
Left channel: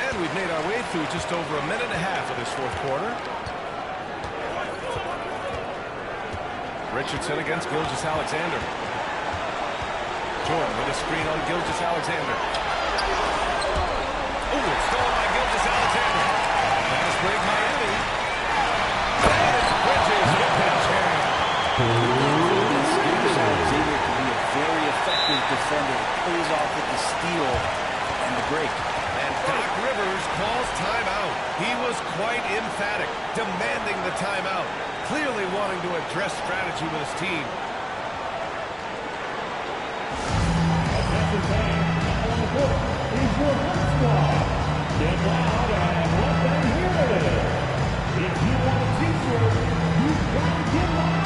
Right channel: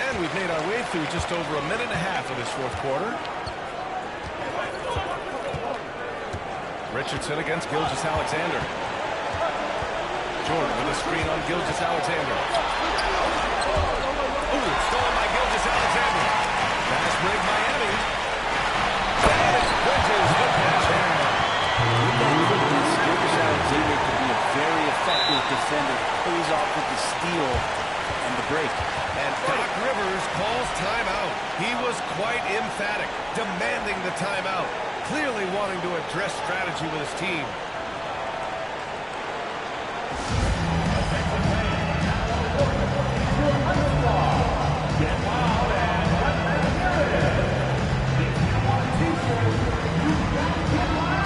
And we've made our way through just over a minute and a half of this fourth quarter. Richardson against Gilgeous-Alexander. Jordan with a screen on Gilgeous-Alexander. Oh, it's stolen by Gilgeous-Alexander. Fast break Miami. And it's Bridges with the jam. With that quickness, Gilgeous-Alexander can be a very effective defender. It pays off with the steal and the break. And Doc Rivers calls timeout. He was quite emphatic, demanding the timeout, clearly wanting to address strategy with his team. Attention fans, now on the court is your high squad. Get loud and let them hear it. If you want T-shirts, you've got to get loud.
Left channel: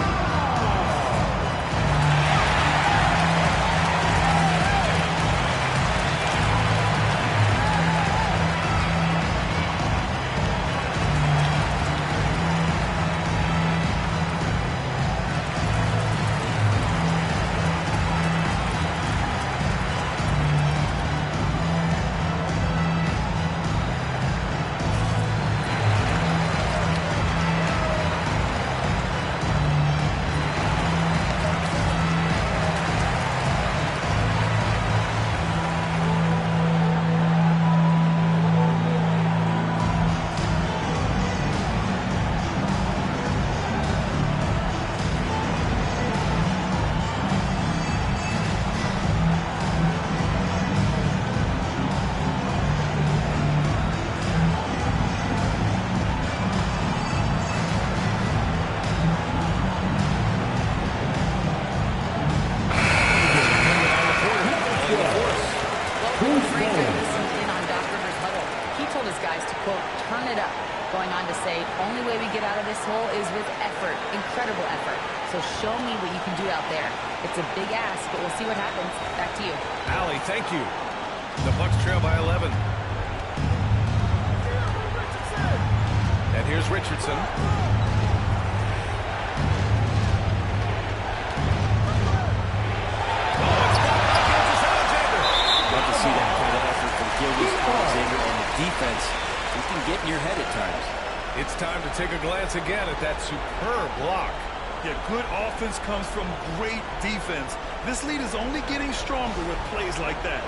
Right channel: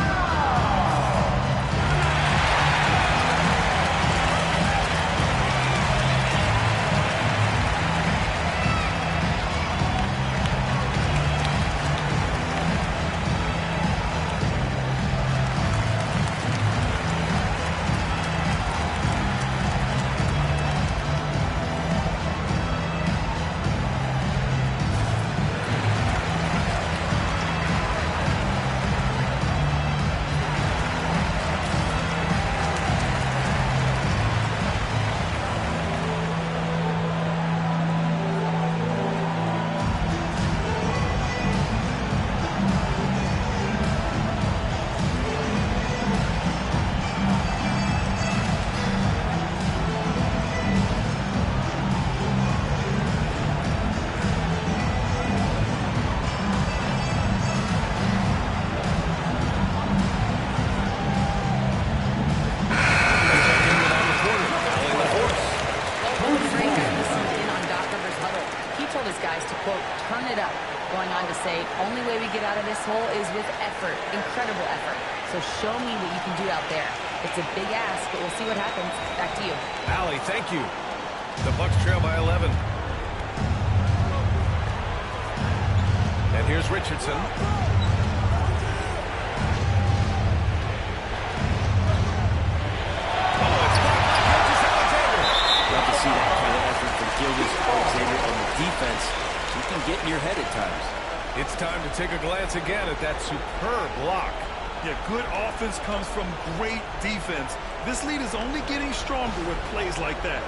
Turn it up. Going on to say, only way we get out of this hole is with effort, incredible effort. So show me what you can do out there. It's a big ask, but we'll see what happens. Back to you. Allie, thank you. The Bucks trail by 11. And here's Richardson. Oh, it's blocked by Gilgeous-Alexander. Love to see that kind of effort from Gilgeous-Alexander on the defense. He can get in your head at times. It's time to take a glance again at that superb block. Yeah, good offense comes from great defense. This lead is only getting stronger with plays like that.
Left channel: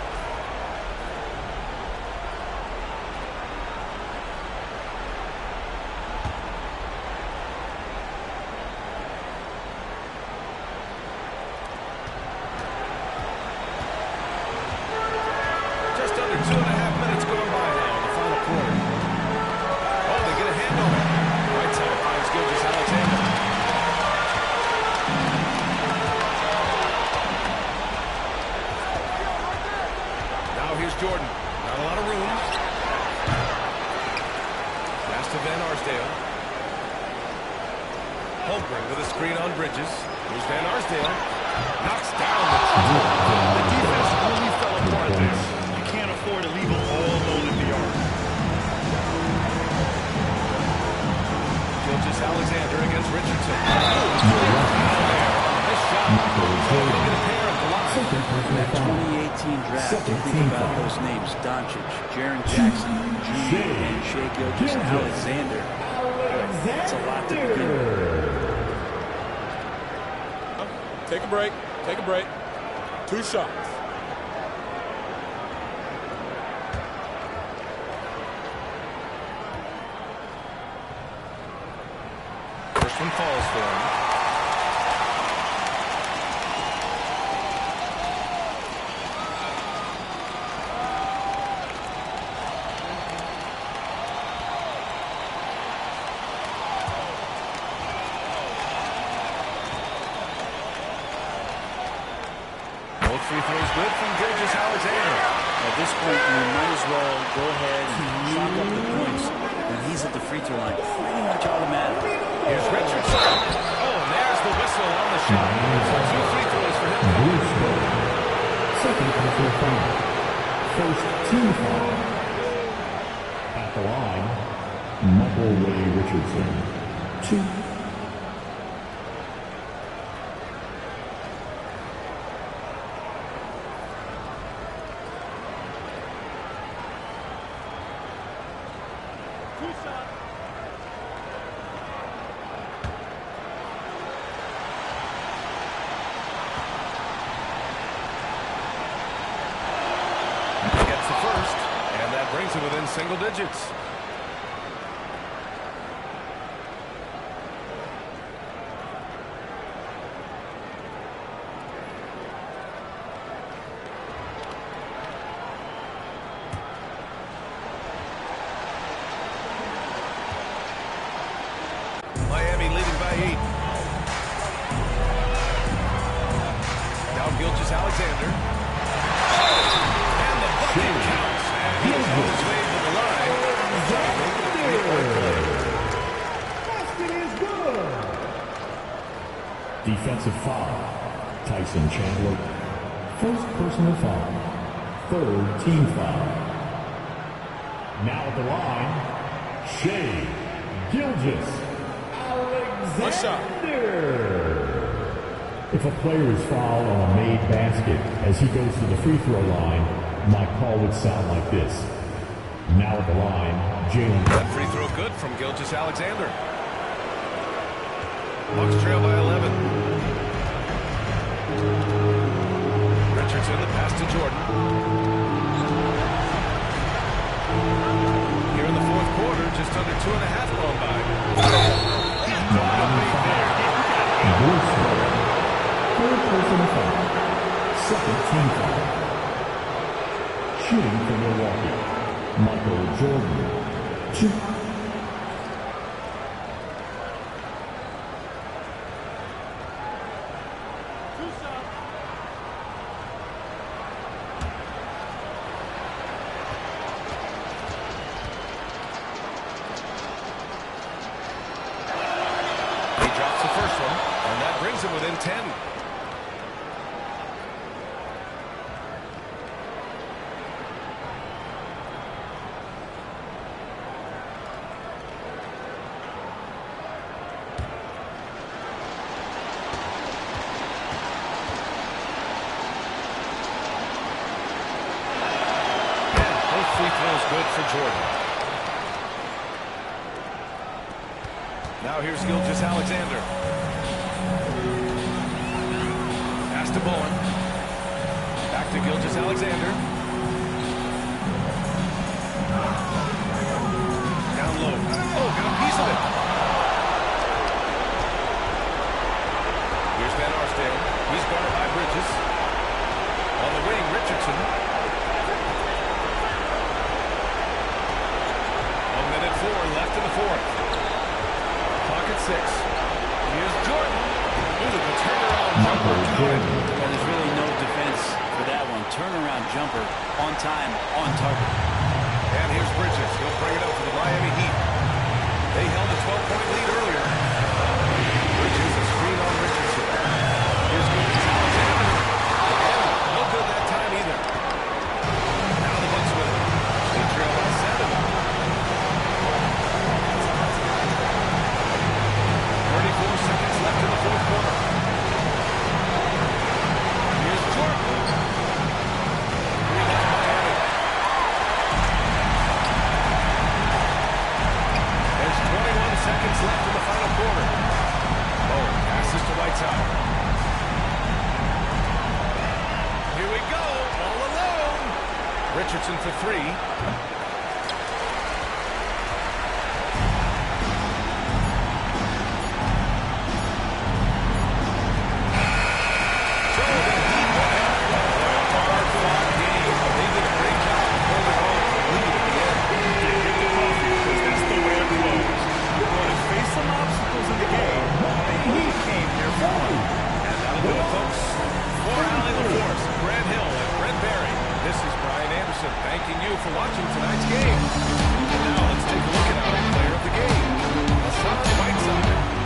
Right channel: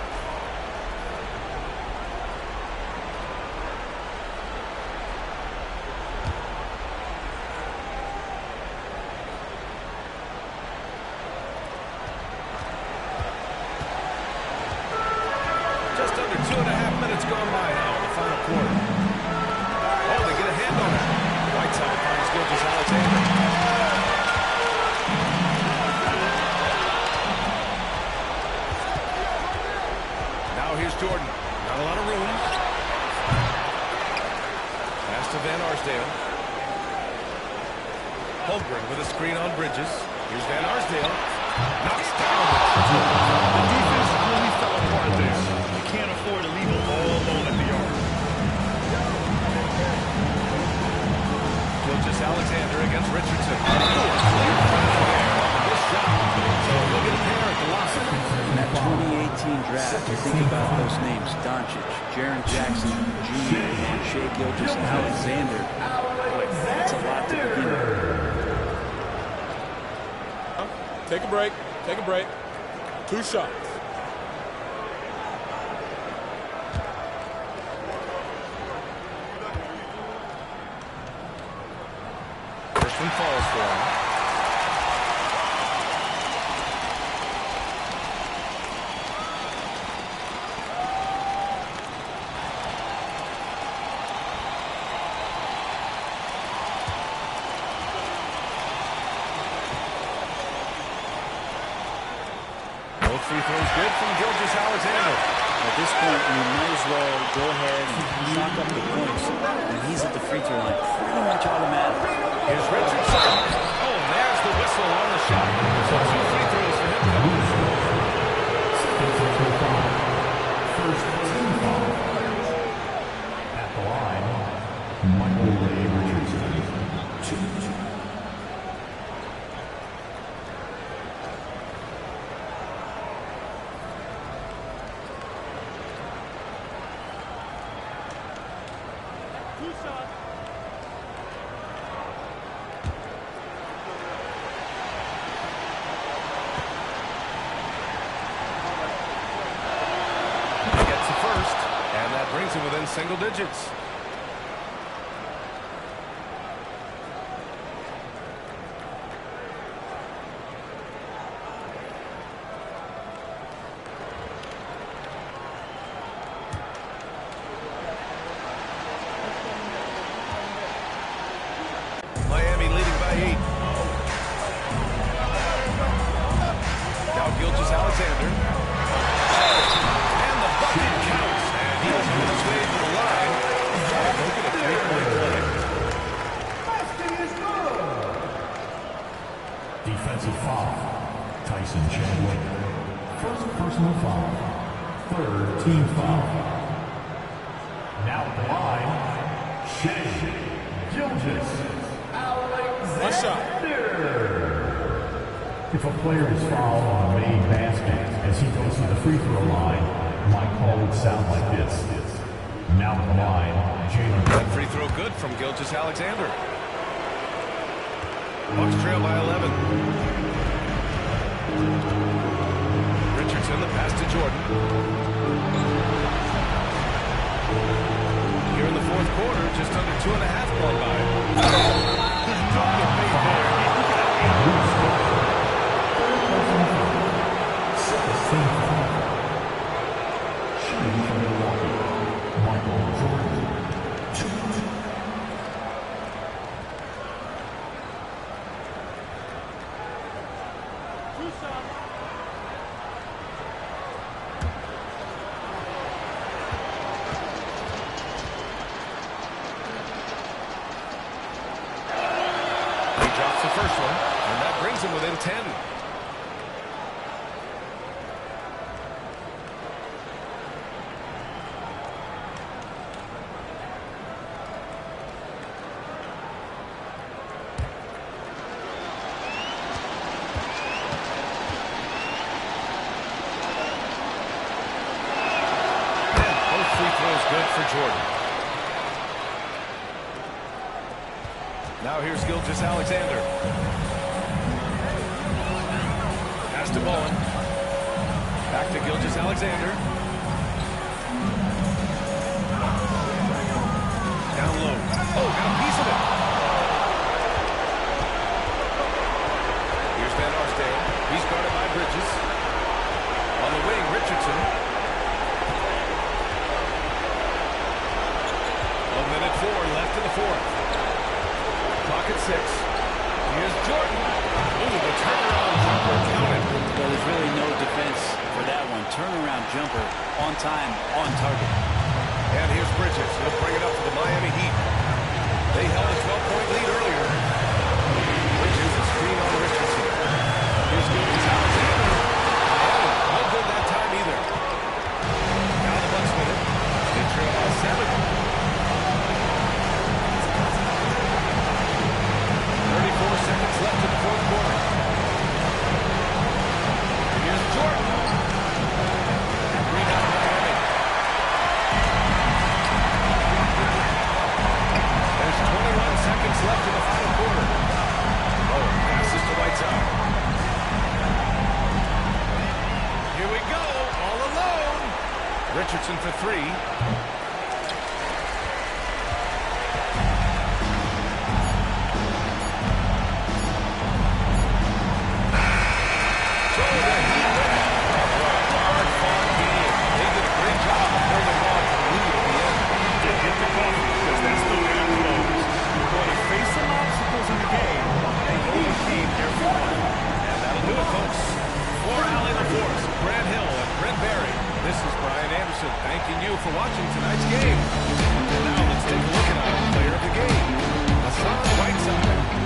Just under 2.5 minutes gone by now in the final quarter. Oh, they get a hand on it. Right side finds Gilgeous-Alexander. Now here's Jordan. Not a lot of room. Pass to Van Arsdale. Holmgren with a screen on Bridges. Here's Van Arsdale. Knocks down the triple. The defense really fell apart there. You can't afford to leave them all alone at the arc. Gilgeous-Alexander against Richardson. Oh, a clear foul there on the missed shot. So he'll get a pair at the line. In that 2018 draft, you think about those names: Doncic, Jaren Jackson Jr., and Shai Gilgeous-Alexander. Boy, that's a lot to begin with. Take a break. Take a break. 2 shots. First one falls for him. Both free throws good from Gilgeous-Alexander. At this point, you might as well go ahead and chalk up the points when he's at the free throw line. Pretty much automatic. Here's Richardson. Oh, and there's the whistle on the shot. So 2 free throws for him coming. Second personal foul. First team foul. At the line, Michael Ray Richardson. 2. Gets the first, and that brings him within single digits. Miami leading by 8. Now Gilgeous-Alexander. And the bucket counts. And he is on his way to the line. He's trying to make it a 3-point play. Basket is good. Defensive foul. Tyson Chandler. First personal foul. Third team foul. Now at the line, Shea Gilgeous-Alexander. One shot. If a player is fouled on a made basket as he goes to the free throw line, my call would sound like this. Now at the line, Jalen. That free throw good from Gilgeous-Alexander. Bucks trail by 11. Richardson, the pass to Jordan. Here in the fourth quarter, just under 2.5 gone by. No debate there. Personal foul. Second team foul. Shooting for Milwaukee, Michael Jordan. 2. He drops the first one, and that brings him within 10. Free throws good for Jordan. Now here's Gilgeous-Alexander. Pass to Bowen. Back to Gilgeous-Alexander. Down low. Oh, got a piece of it. Here's Van Arsdale. He's guarded by Bridges. On the wing, Richardson. 1:04 left in the fourth. Clock at 6. Here's Jordan. Ooh, the turnaround jumper counted. Well, there's really no defense for that one. Turnaround jumper on time, on target. And here's Bridges. He'll bring it up for the Miami Heat. They held a 12-point lead earlier. Bridges, a screen on Richardson. Here's Gilgeous-Alexander. Miami, no good that time either. Now the Bucks with it. They trail by 7. 34 seconds left in the fourth quarter. Here's Jordan. Rebound Miami. There's 21 seconds left in the final quarter. Bowen passes to Whiteside. Here we go, all alone. Richardson for 3. Some obstacles in the game, and he overcame every one. And that'll do it, folks. For Allie LaForce, Grant Hill, and Brent Barry. This is Brian Anderson thanking you for watching tonight's game. And now let's take a look at our player of the game, Hassan Whiteside.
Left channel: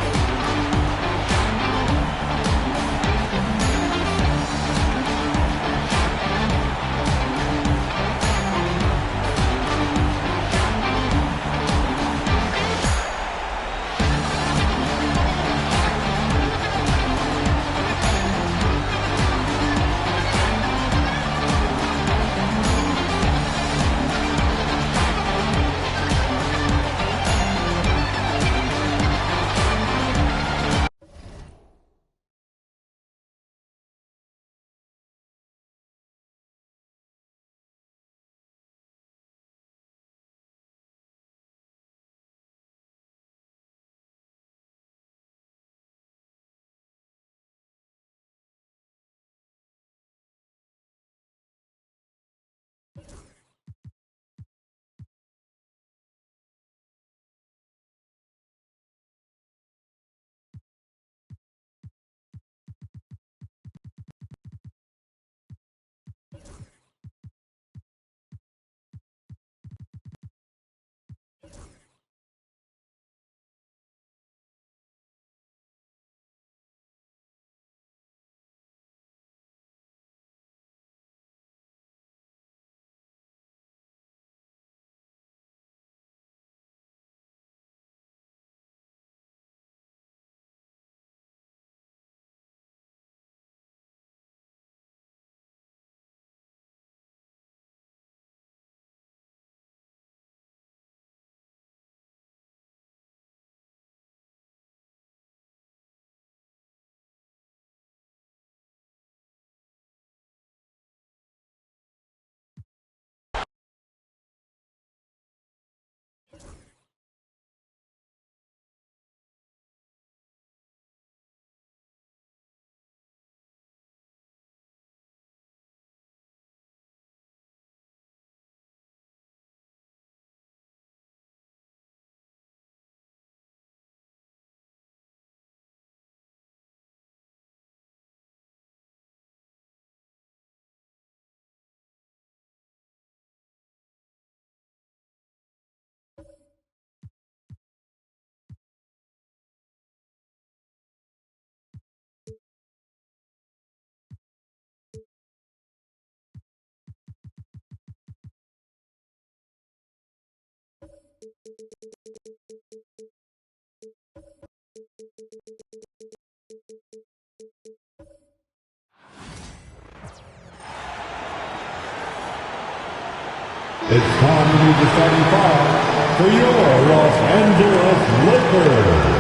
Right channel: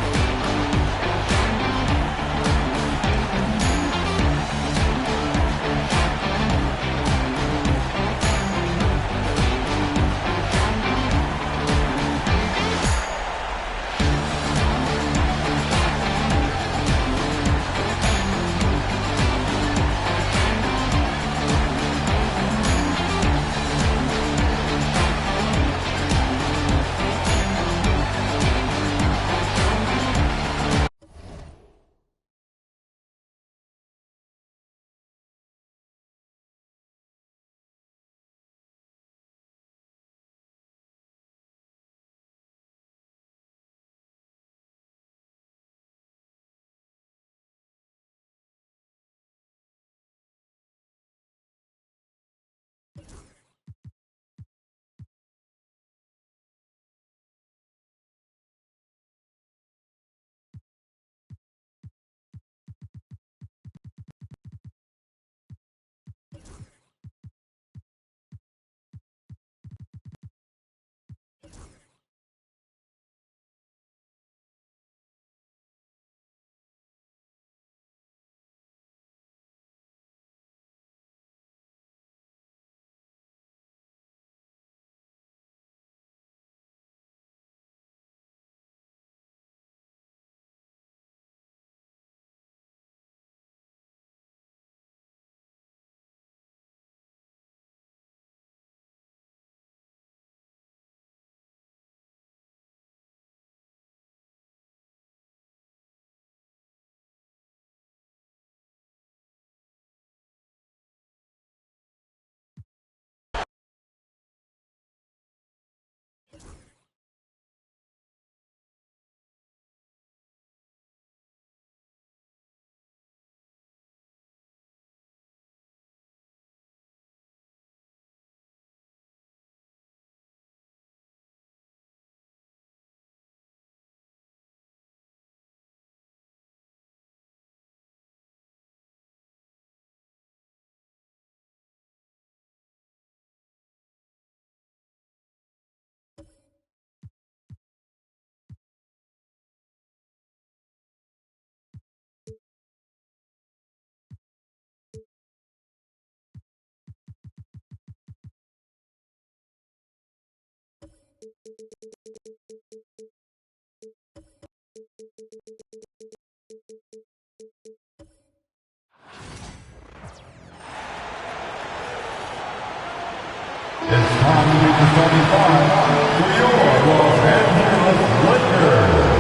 It's time to use the 75 for your Los Angeles Lakers.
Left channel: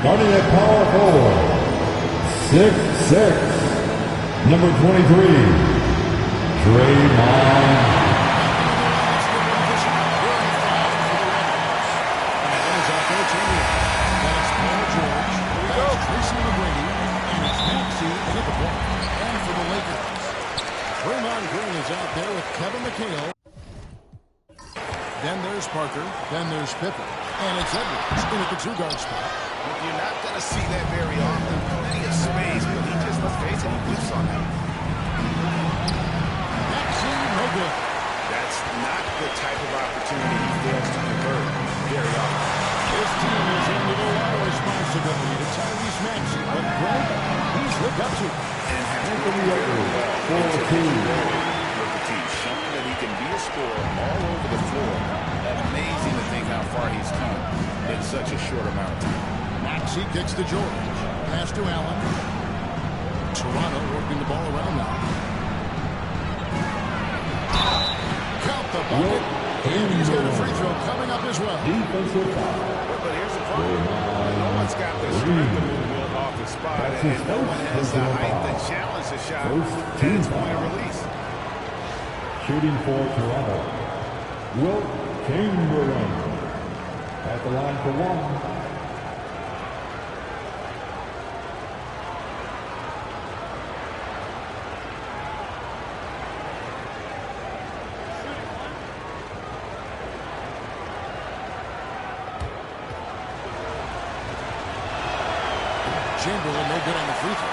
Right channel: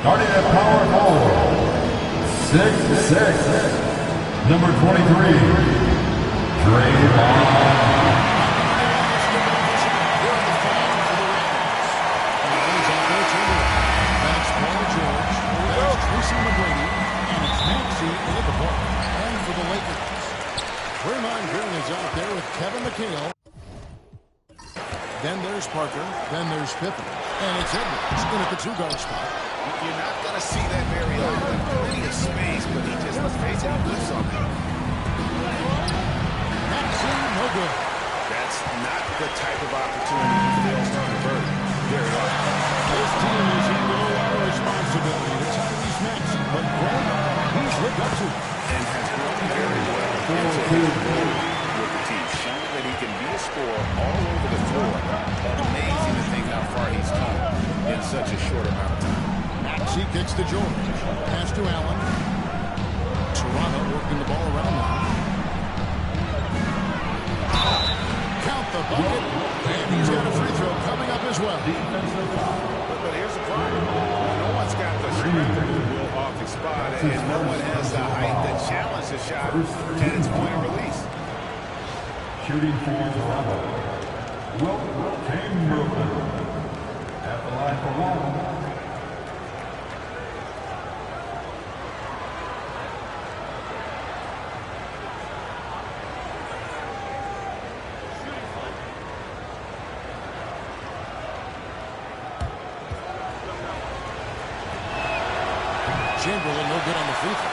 Starting at power forward, 6'6", number 23. Draymond. Let's get one official here in the foul for the Raptors. And one is out there, Chamberlain. Then it's Paul George. Then it's Tracy McGrady. And it's Maxey in at the point. And for the Lakers, Draymond Green is out there with Kevin McHale. Then there's Parker. Then there's Pippen. And it's Edwards in at the two-guard spot. You're not going to see that very often. Plenty of space, but he just, let's face it, he whiffs on that. Maxey, no good. That's not the type of opportunity he fails to convert very often. His team has handed a lot of responsibility to Tyrese Maxey, but Greg, he's lived up to it. And has grown very well into his role with the team, showing that he can be a scorer all over the floor. Amazing to think how far he's come in such a short amount of time. Maxey kicks to George. Pass to Allen. Toronto working the ball around now. Count the bucket. And he's got a free throw coming up as well. But here's the problem. No one's got the strength to move Wilt off his spot, and no one has the height to challenge the shot at its point of release. Shooting for Toronto, Wilt Chamberlain at the line for one. Chamberlain no good on the free throw.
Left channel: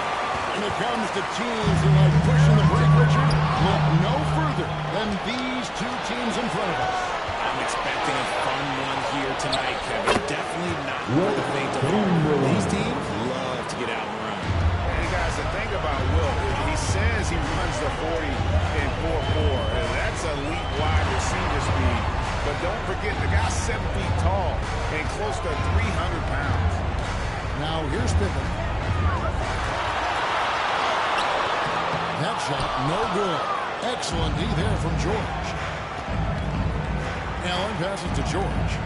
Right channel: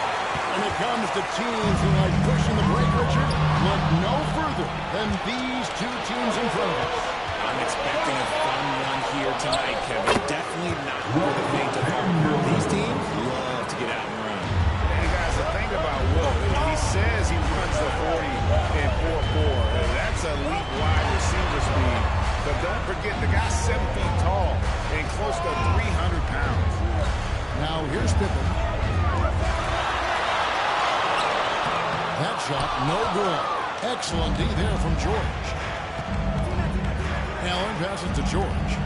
When it comes to teams that like pushing the break, Richard, look no further than these two teams in front of us. I'm expecting a fun one here tonight, Kevin. Definitely not for the faint of heart. These teams love to get out and run. And guys, the thing about Wilt, he says he runs the 40 in 4.4. And that's elite wide receiver speed. But don't forget, the guy's 7 feet tall and close to 300 pounds. Now here's Pippen. That shot, no good. Excellent D there from George. Allen passes to George.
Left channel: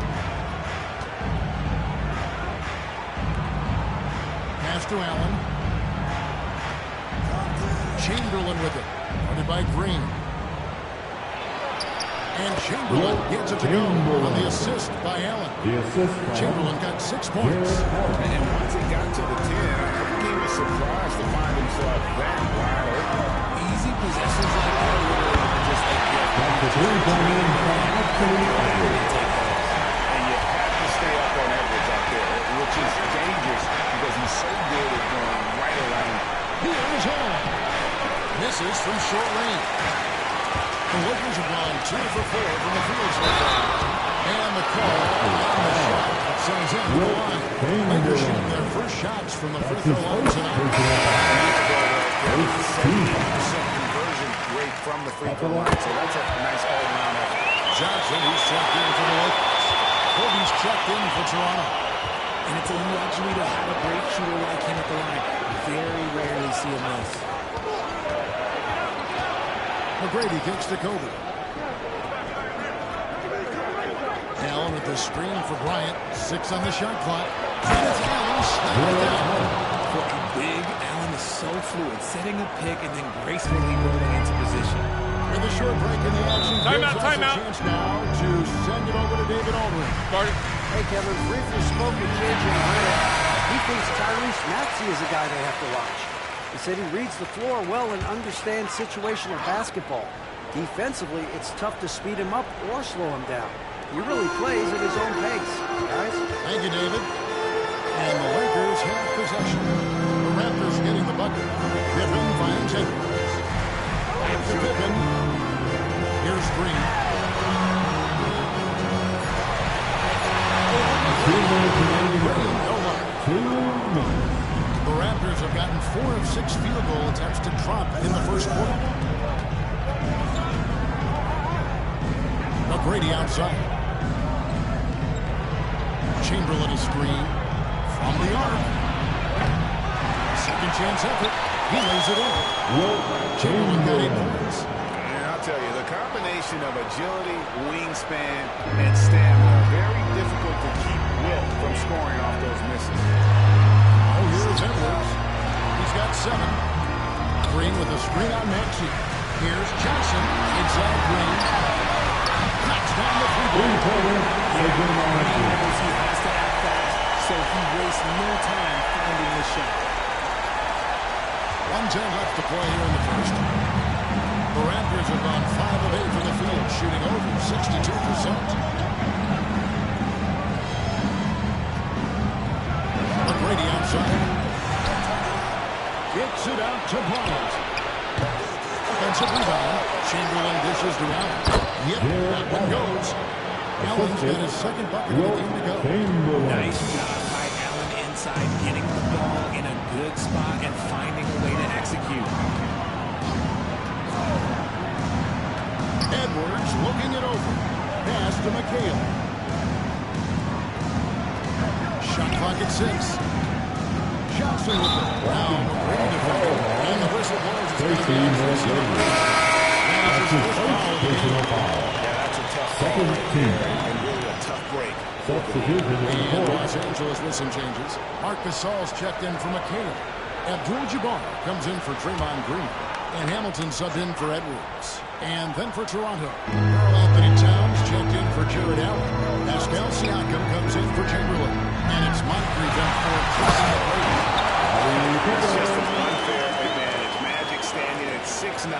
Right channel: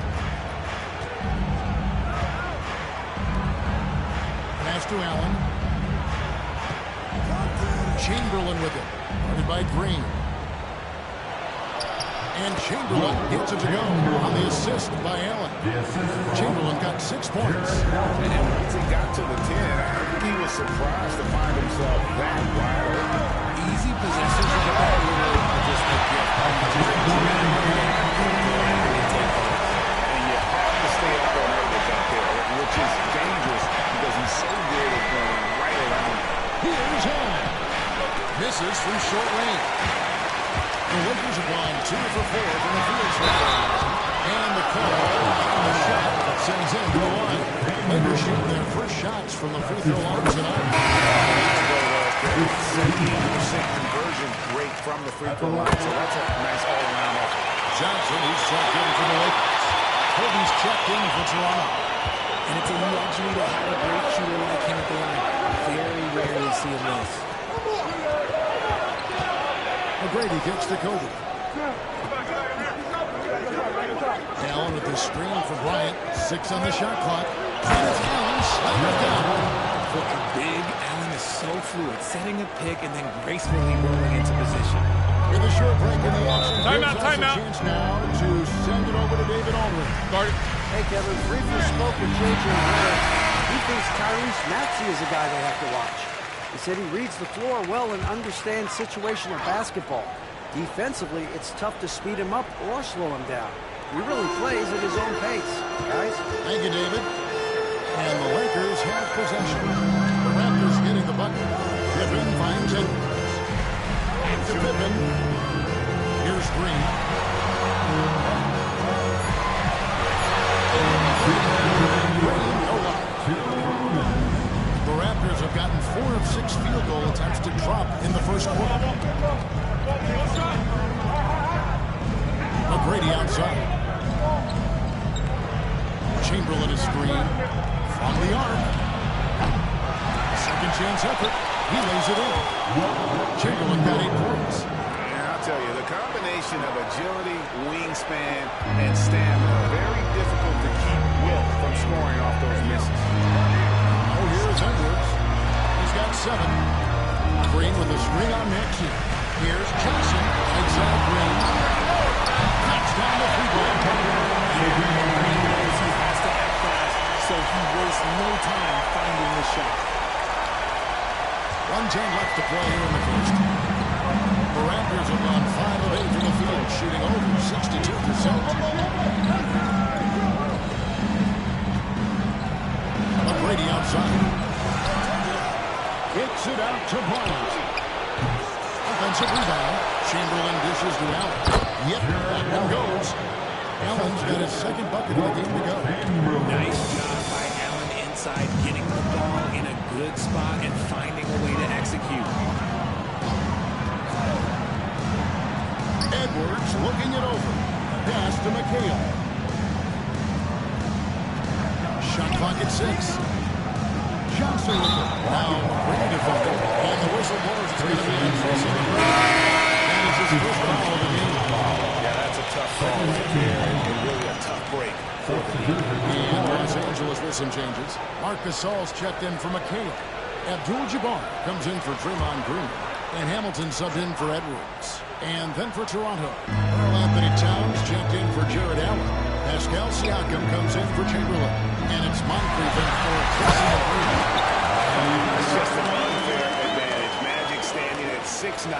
Pass to Allen. Chamberlain with it. Guarded by Green. And Chamberlain gets it to go on the assist by Allen. Chamberlain got 6 points. And once he got to the 10, I think he was surprised to find himself that wide open. Easy possessions like that literally are just a gift. Just dream of that. Gladly take those. And you have to stay up on Edwards out there, which is dangerous because he's so good at going right around. Here's Allen. Misses from short range. The Lakers have gone 2 for 4 from the field so far. And the call on the shot that sends him to the line. Lakers shooting their first shots from the free throw line tonight. 70% conversion rate from the free throw line. So that's a nice all-around effort. Johnson, who's checked in for the Lakers. Kobe's checked in for Toronto. And it's a luxury to have a great shooter like him at the line. Very rarely see him miss. McGrady kicks to Kobe. Allen with the screen for Bryant. 6 on the shot clock. And it's Allen slapping it down. For a big, Allen is so fluid, setting a pick and then gracefully rolling into position. With a short break in the action, Timeout. a chance now to send it over to David Aldridge. Guard it. Hey, Kevin, briefly spoke with J.J. Redick. He thinks Tyrese Maxey is a guy they have to watch. He said he reads the floor well and understands situational basketball. Defensively, it's tough to speed him up or slow him down. He really plays at his own pace. Guys? Thank you, David. And the Lakers have possession. The Raptors getting the bucket. Pippen finds Edwards. Back to Pippen. Here's Green. Green, no luck. The Raptors have gotten 4 of 6 field goal attempts to drop in the first quarter. McGrady outside. Chamberlain is screen from the arc. A second chance effort. He lays it in. Chamberlain got 8 points. And I'll tell you, the combination of agility, wingspan, and stamina, very difficult to keep Wilt from scoring off those misses. Oh, here's Edwards. He's got 7. Green with a screen on Maxey. Here's Johnson. Right side Green. Knocks down the free ball. Yeah, Green knows he has to act fast, so he wastes no time finding the shot. 1:10 left to play here in the first. The Raptors have gone 5 of 8 from the field, shooting over 62%. McGrady outside. Kicks it out to Bryant. Offensive rebound. Chamberlain dishes to Allen. Yep, that one goes. Allen's got his second bucket of the game to go. Nice job by Allen inside, getting the ball in a good spot and finding a way to execute. Edwards looking it over. Pass to McHale. Shot clock at 6. Johnson with it. Now McGrady defending. And the whistle blows. It's going to be on Tracy McGrady. That is his first foul of the game. Yeah, that's a tough call right there, and really a tough break for the league. And Los Angeles with some changes. Marc Gasol's checked in for McHale. Abdul-Jabbar comes in for Draymond Green. And Hamilton subbed in for Edwards. And then for Toronto, Karl Anthony Towns checked in for Jared Allen. Pascal Siakam comes in for Chamberlain. And it's Moncrief in for Tracy McGrady. That's just an unfair advantage. Magic standing at 6'9",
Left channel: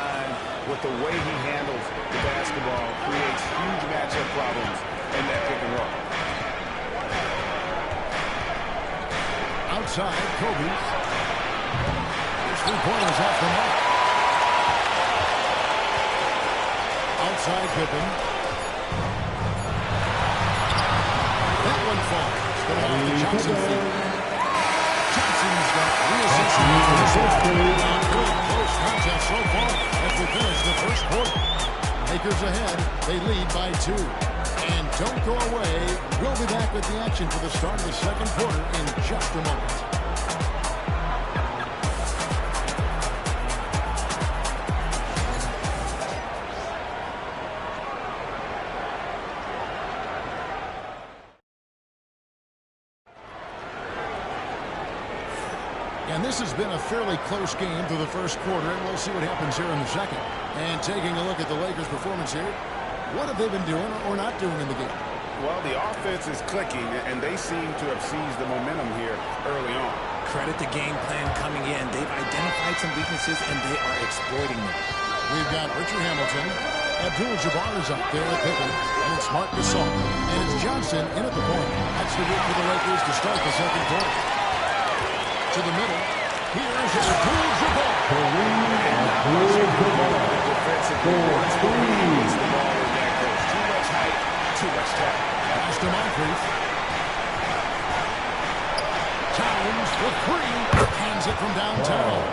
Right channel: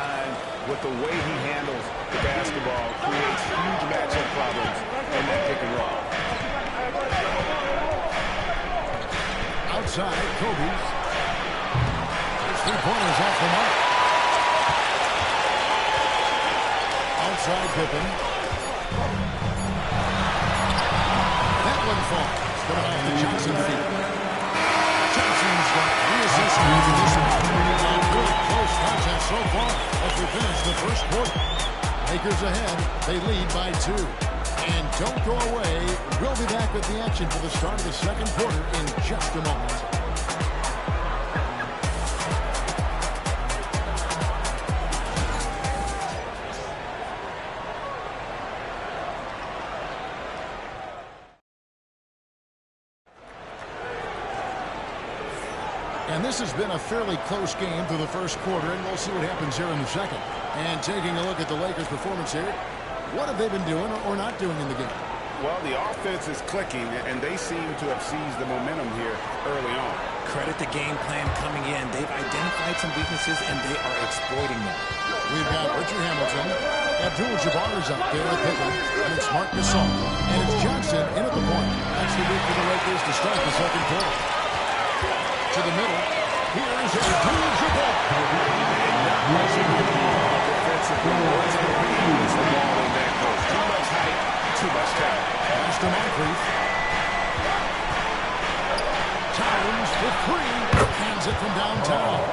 with the way he handles the basketball, creates huge matchup problems in that pick and roll. outside, Kobe. His three-pointers off the mark. Outside Pippen. That one falls. Coming off the Johnson feet. Johnson's got 3 assists for this one. A good close contest so far as we finish the first quarter. Lakers ahead. They lead by 2. And don't go away. We'll be back with the action for the start of the second quarter in just a moment. And this has been a fairly close game through the first quarter, and we'll see what happens here in the second. And taking a look at the Lakers' performance here, what have they been doing or not doing in the game? Well, the offense is clicking, and they seem to have seized the momentum here early on. Credit the game plan coming in. They've identified some weaknesses, and they are exploiting them. We've got Richard Hamilton. Abdul-Jabbar is up there with Pippen, and it's Marc Gasol. And it's Johnson in at the point. That's the group for the Lakers to start the second quarter. To the middle. Here's Abdul-Jabbar. And not much you can do defensively once the lead gets the ball in that close. Too much height, too much talent. Pass to Moncrief. Towns for 3. Hands it from downtown.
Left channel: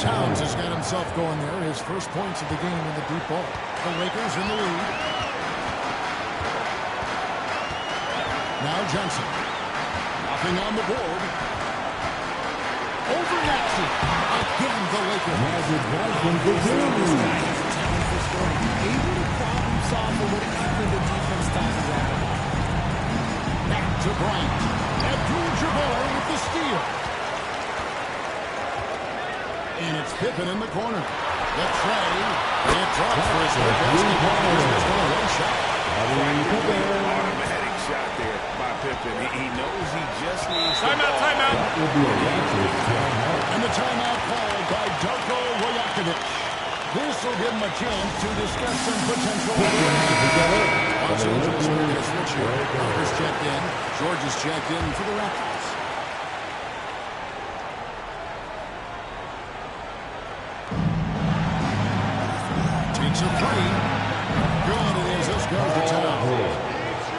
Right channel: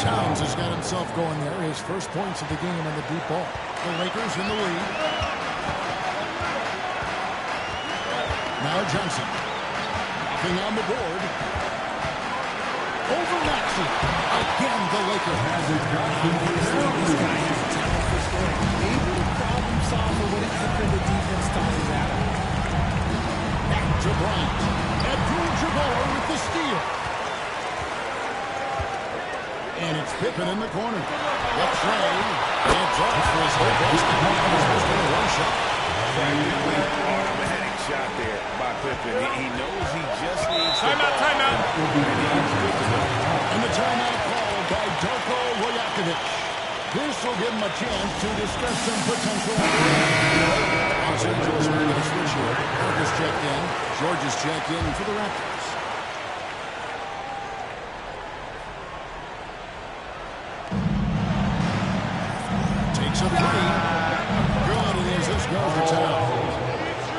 Towns has got himself going there. His first points of the game on the deep ball. The Lakers in the lead. Now Johnson. Nothing on the board. Over Maxey. Again, the Lakers. Obviously, this guy has a talent for scoring. Able to problem solve for whatever the defense tosses at him. Back to Bryant. Abdul-Jabbar with the steal. And it's Pippen in the corner. The tray. It drops for his whole basketball. He's missed only one shot. Practically automatic shot there by Pippen. He knows he just needs timeout. And the timeout called by Darko Rajakovic. This will give him a chance to discuss some potential. Los Angeles will get a switch here. Parker's checked in. George is checked in for the Raptors. Takes a 3. Good it is. This goes to Towns.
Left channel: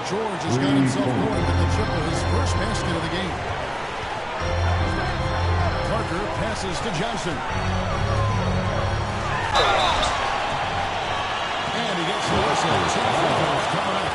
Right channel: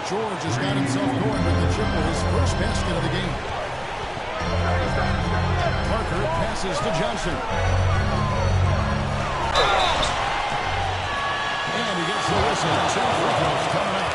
George has got himself going with the triple, his first basket of the game. Parker passes to Johnson. And he gets the whistle. 2 free throws coming up.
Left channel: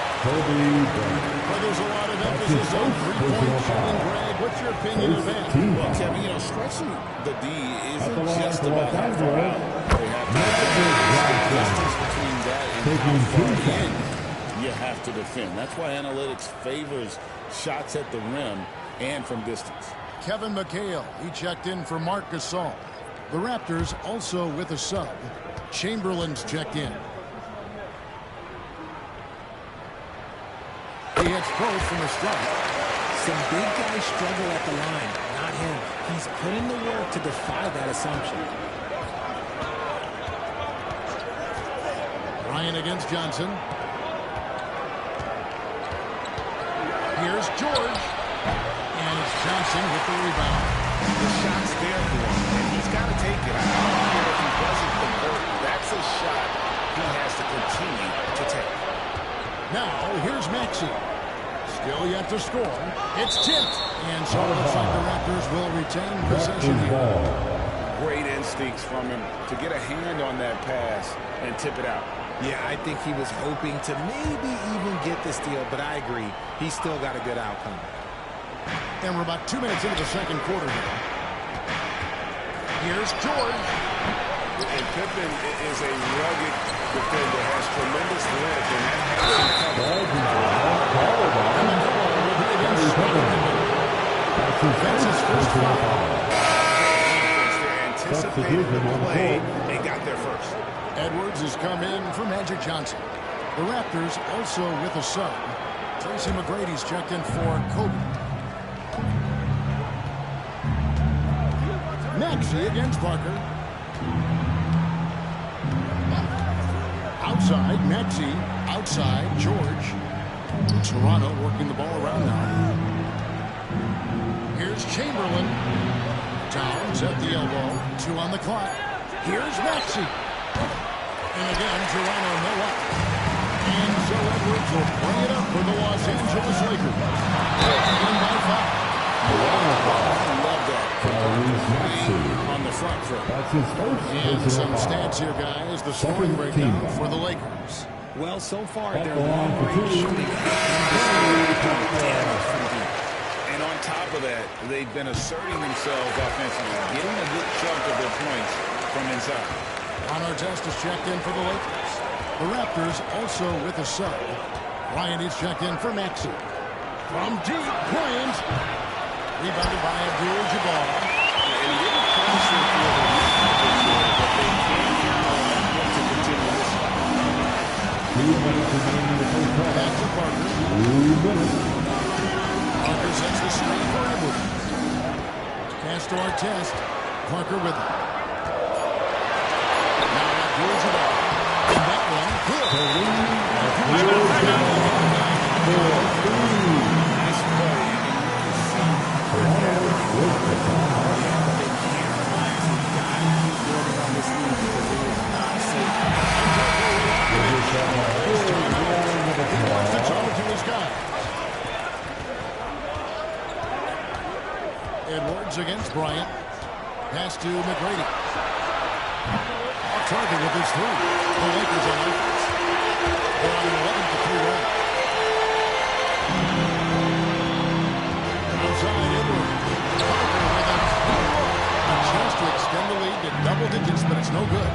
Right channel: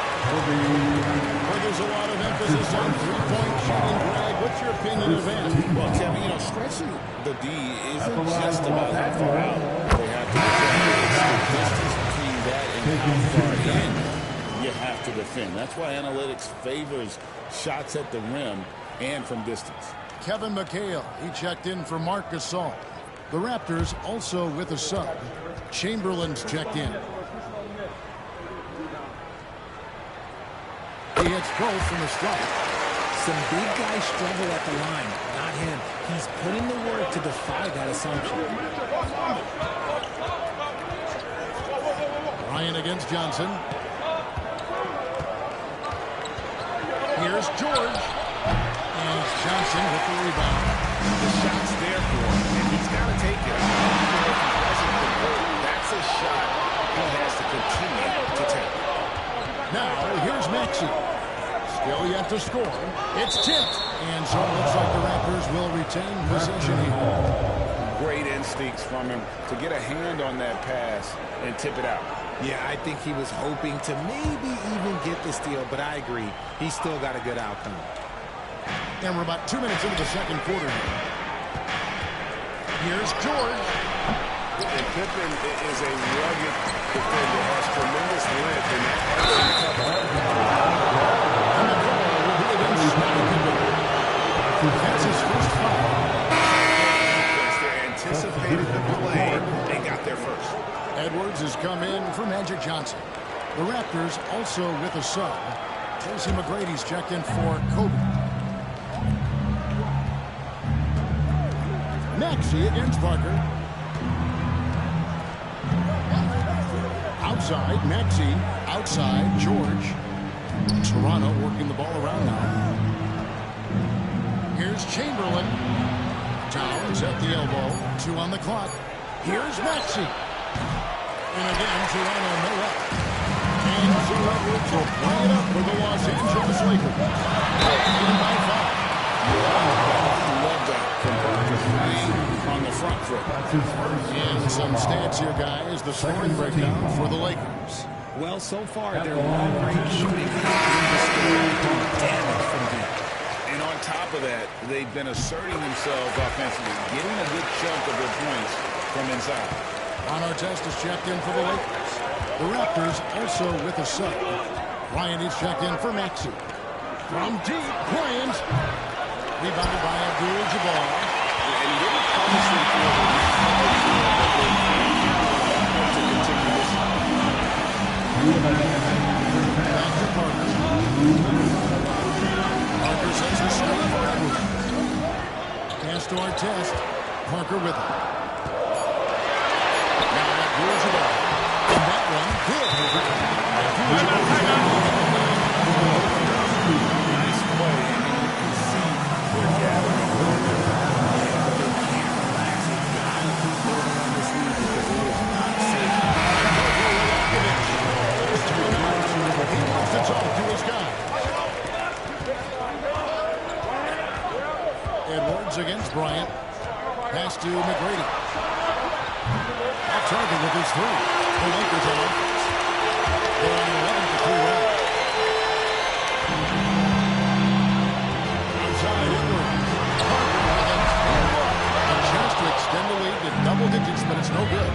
Where there's a lot of emphasis on three-point shooting, Greg, what's your opinion of that? Well, Kevin, stretching the D isn't just about how far out they have to defend. It's the distance between that and how far in you have to defend. That's why analytics favors shots at the rim and from distance. Kevin McHale, he checked in for Marc Gasol. The Raptors also with a sub. Chamberlain's checked in. He hits both from the strike. Some big guys struggle at the line, not him. He's put in the work to defy that assumption. Ryan against Johnson. Here's George. And it's Johnson with the rebound. The shot's there for him, and he's got to take it. I don't care if he doesn't convert. That's a shot he has to continue to take. Now, here's Maxey. Still yet to score. It's tipped. And so it looks like the Raptors will retain possession here. Great instincts from him to get a hand on that pass and tip it out. Yeah, I think he was hoping to maybe even get the steal, but I agree. He's still got a good outcome. And we're about 2 minutes into the second quarter here. Here's George. And Pippen is a rugged defender, has tremendous length, and that helps him cover. And the call will be against Scottie Pippen. That's his first foul. They anticipated the play and got there first. Edwards has come in for Magic Johnson. The Raptors also with a sub. Tracy McGrady's checked in for Kobe. Maxey against Parker. Outside, Maxey. Outside, George. Toronto working the ball around now. Here's Chamberlain. Towns at the elbow. 2 on the clock. Here's Maxey. And again, Toronto no up. And so Edwards will bring it up for the Los Angeles Lakers. Leading by 5. I love that from Parker, playing on the front foot. And some stats here, guys. The scoring breakdown for the Lakers. Well, so far, their long-range shooting has been the story, doing damage from deep. And on top of that, they've been asserting themselves offensively, getting a good chunk of their points from inside. Ron Artest is checked in for the Lakers. The Raptors also with a sub. Bryant is checked in for Maxey. From deep, Bryant. Rebounded by Abdul-Jabbar. And he didn't punish them for the recovery there, but they can't count on that to continue this. Back to Parker. Parker sets the screen for Edwards. Pass to Artest. Parker with it. Now Abdul-Jabbar. And that one, good. Abdul-Jabbar down at the 9. Nice play, and you can see they're gathering. Yeah, but they can't relax. You've got to keep building on this lead because it is not safe. He wants to talk to his guys. Edwards against Bryant. Pass to McGrady. Off target with his 3. The Lakers on offense. They're on an 11-3 run. Outside Edwards. Parker with a 2-1. A chance to extend the lead to double digits, but it's no good.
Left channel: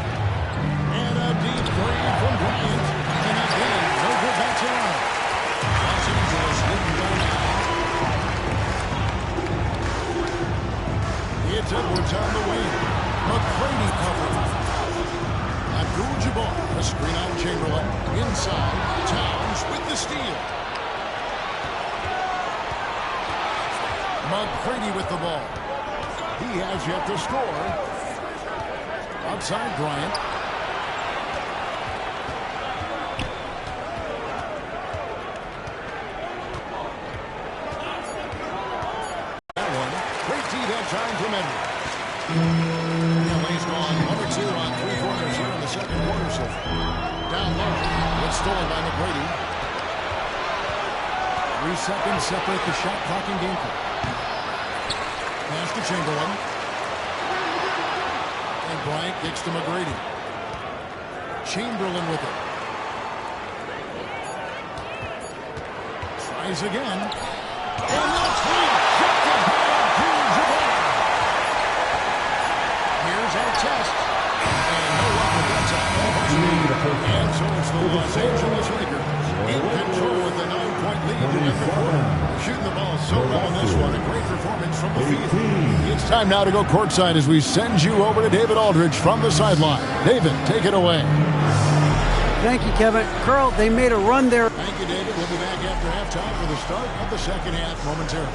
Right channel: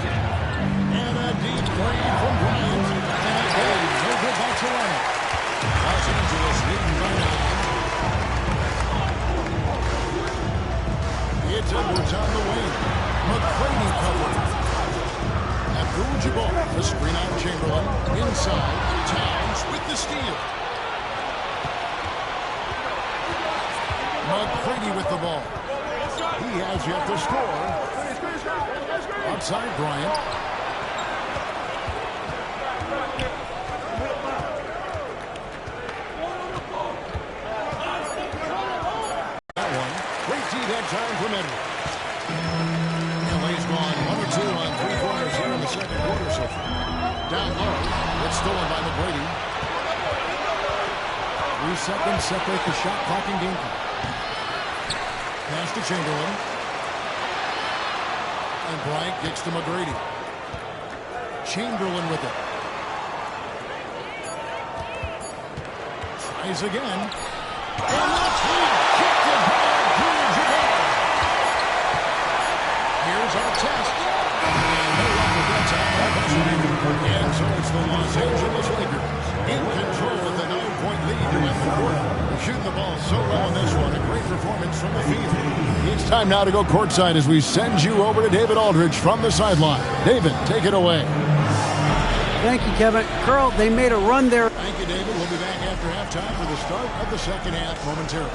And a deep 3 from Bryant. And again, no good by Toronto. Los Angeles leading by 9. It's Edwards on the wing. McGrady covered. Abdul-Jabbar, a screen on Chamberlain. Inside, Towns with the steal. McGrady with the ball. He has yet to score. Outside Bryant. That one. Great tee that time from Edwards. LA's gone 1 or 2 on 3 corners here in the second quarter so far. Down low. It's stolen by McGrady. 3 seconds separate the shot clock and game clock. Pass to Chamberlain. And Bryant kicks to McGrady. Chamberlain with it. Tries again. And that's rejected by Abdul-Jabbar. Here's our test. And no luck with that time on the buzzer. And so it's the Los Angeles Lakers in control with a 9-point lead to end the quarter. They're shooting the ball so well in this one. A great performance from the field. It's time now to go courtside as we send you over to David Aldridge from the sideline. David, take it away. Thank you, Kevin. Carl, they made a run there. Thank you, David. We'll be back after halftime for the start of the second half momentarily.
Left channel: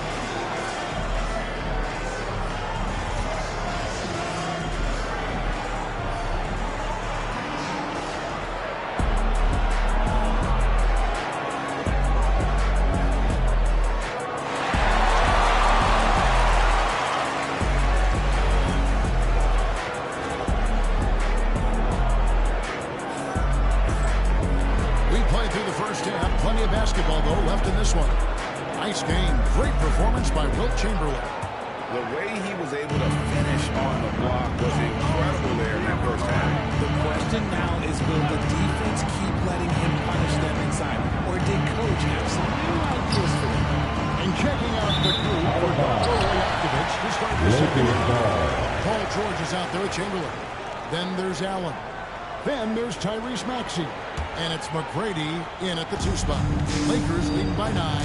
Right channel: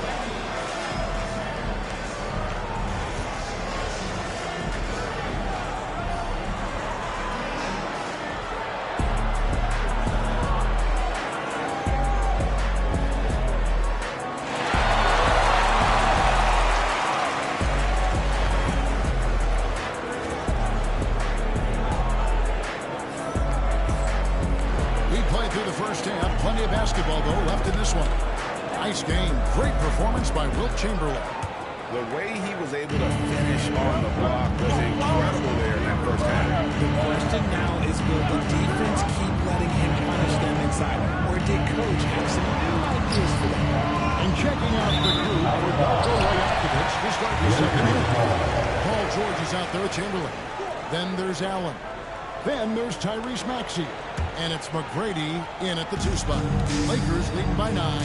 Basketball, though, left in this one. Nice game. Great performance by Wilt Chamberlain. The way he was able to finish on the block was incredible there in that first half. The question now is, will the defense keep letting him punish them inside? Or did Coach have some new ideas for them? And checking out the group for Darko Rajakovic to start the second half. Paul George is out there with Chamberlain. Then there's Allen. Then there's Tyrese Maxey. And it's McGrady in at the 2 spot. Lakers leading by 9.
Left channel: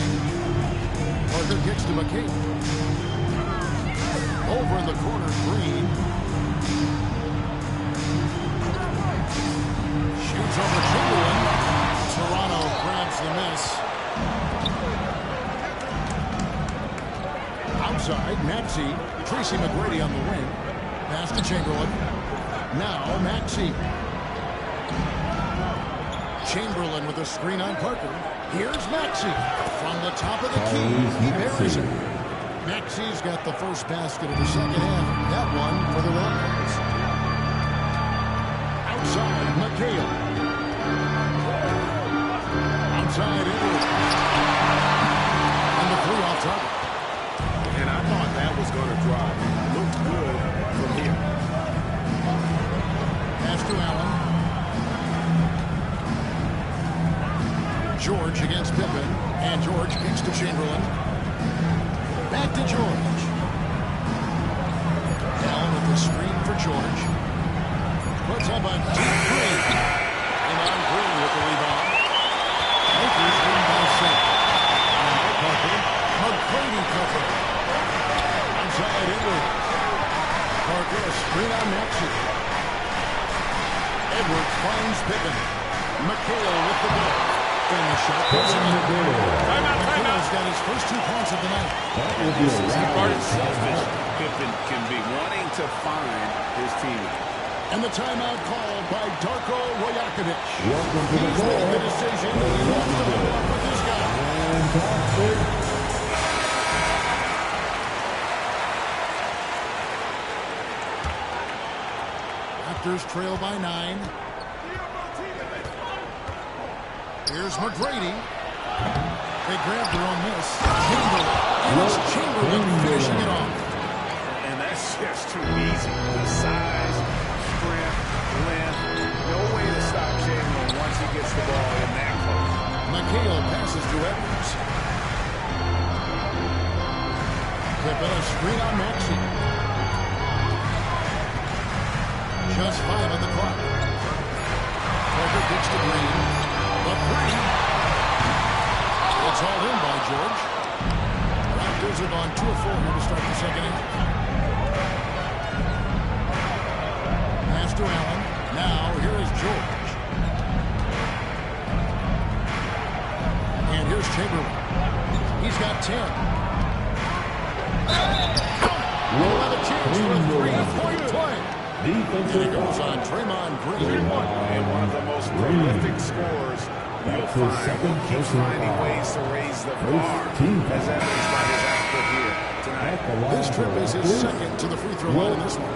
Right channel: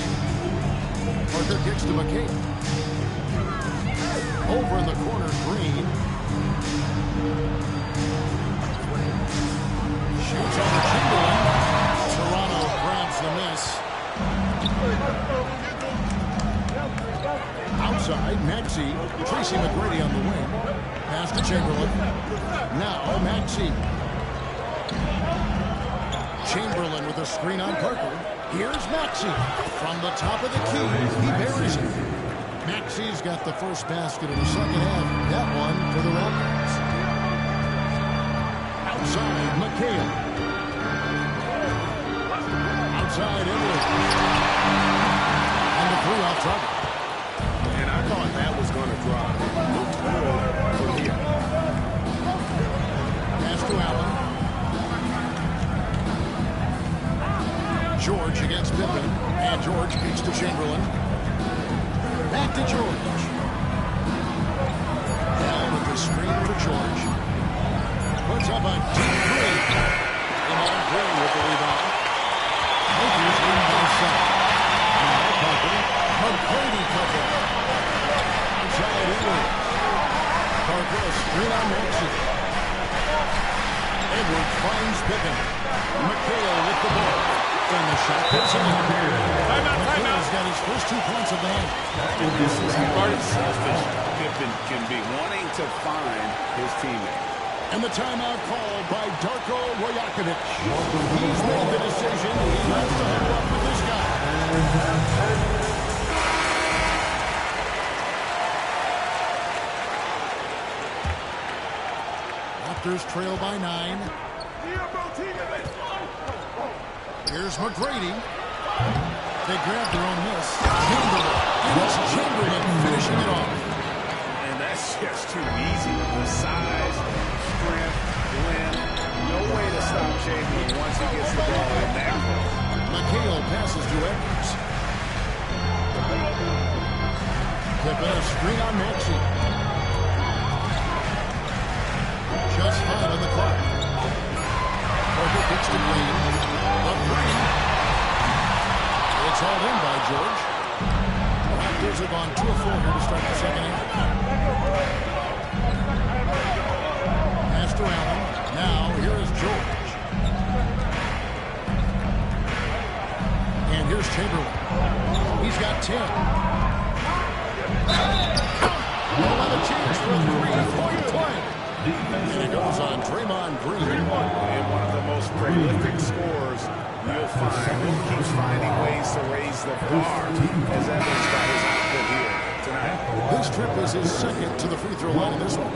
Parker kicks to McCabe. Over in the corner, Green. Shoots over Chamberlain. Toronto grabs the miss. Outside, Maxey. Tracy McGrady on the wing. Pass to Chamberlain. Now Maxey. Chamberlain with a screen on Parker. Here's Maxey. From the top of the key, he buries it. Maxey's got the first basket in the second half. That one for the Raptors. Outside, McHale. Outside, Edwards. And the three off target. And I thought that was going to drop. It looked good from here. Pass to Allen. George against Pippen. And George kicks to Chamberlain. Back to George. Allen with the screen for George. Puts up a deep three. Iman Green with the rebound. Lakers win by 7. Now Parker. McGrady cover. Outside Edwards. Parker a screen on Maxey. Edwards finds Pippen. McHale with the ball. And the shot goes in. McHale's got his first 2 points of the night. And this is how selfish Pippen can be, wanting to find his teammate. And the timeout called by Darko Rajakovic. He's made the decision. He wants to huddle up with this guy. Raptors trail by 9. Here's McGrady. They grab their own miss. Chamberlain. And it's Chamberlain finishing it off. And that's just too easy. The size, strength, length. No way to stop Chamberlain once he gets the ball in that close. McHale passes to Edwards. Pippen a screen on Maxey. Just 5 on the clock. Parker kicks to Green. The three. It's hauled in by George. Raptors have gone 2 of 4 here to start the second half. Pass to Allen. Now here is George. And here's Chamberlain. He's got 10. We'll have a chance for a 3-point play. And it goes on Draymond Green. And one of the most prolific scorers you'll find. Will keep finding ways to raise the bar, as evidenced by his output here tonight. This trip is his second to the free throw line in this one.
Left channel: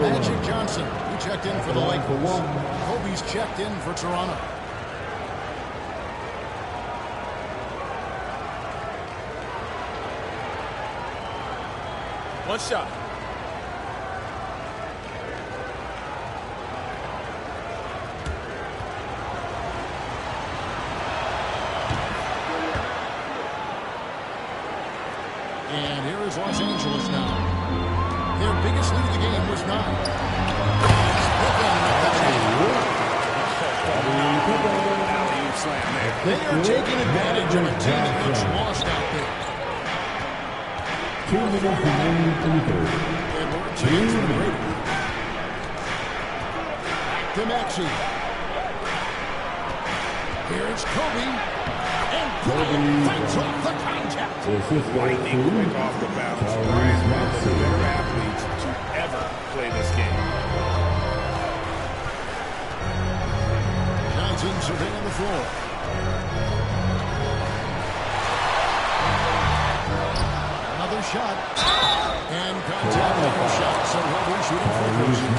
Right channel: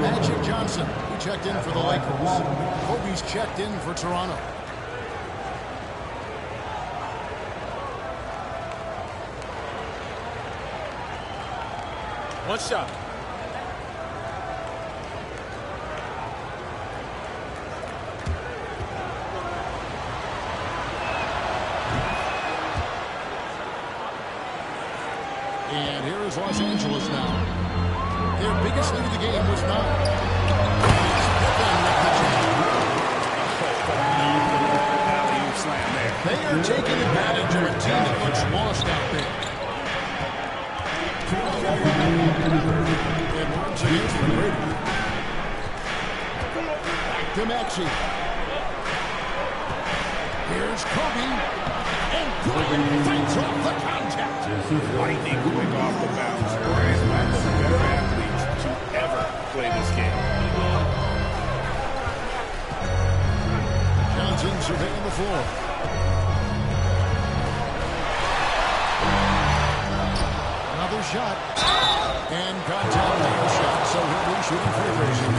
Magic Johnson, he checked in for the Lakers. Kobe's checked in for Toronto. One shot. And here is Los Angeles now. Their biggest lead of the game was 9. It's Pippen with the jam. Alley-oop slam there. They are taking advantage of a team that looks lost out there. Edwards against McGrady. Back to Maxey. Here's Kobe. And Bryant fights off the contact. Lightning quick off the bounce. Bryant's one of the better athletes to ever play this game. Johnson surveying the floor. Another shot. And contact on the shot, so he'll be shooting free throws here.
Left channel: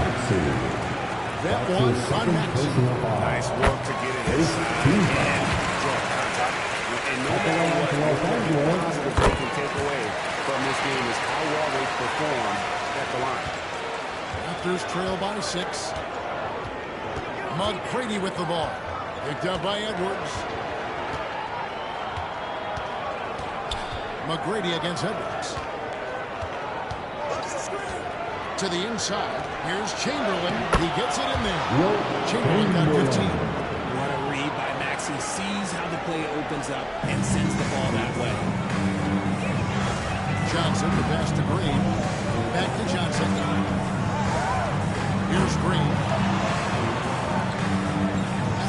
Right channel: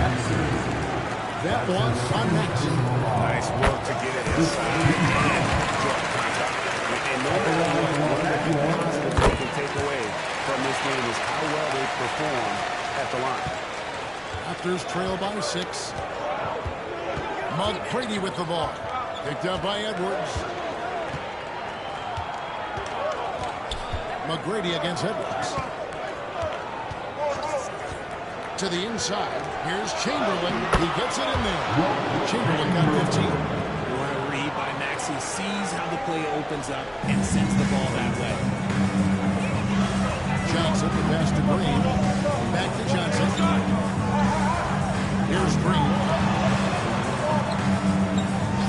That one on Maxey. Nice work to get it inside and draw contact. And no matter what, one of the big positives they can take away from this game is how well they perform at the line. Raptors trail by 6. McGrady with the ball. Picked up by Edwards. McGrady against Edwards. To the inside. Here's Chamberlain. He gets it in there. Chamberlain got 15. What a read by Maxey. Sees how the play opens up and sends the ball that way. Johnson, the pass to Green. Back to Johnson. Here's Green.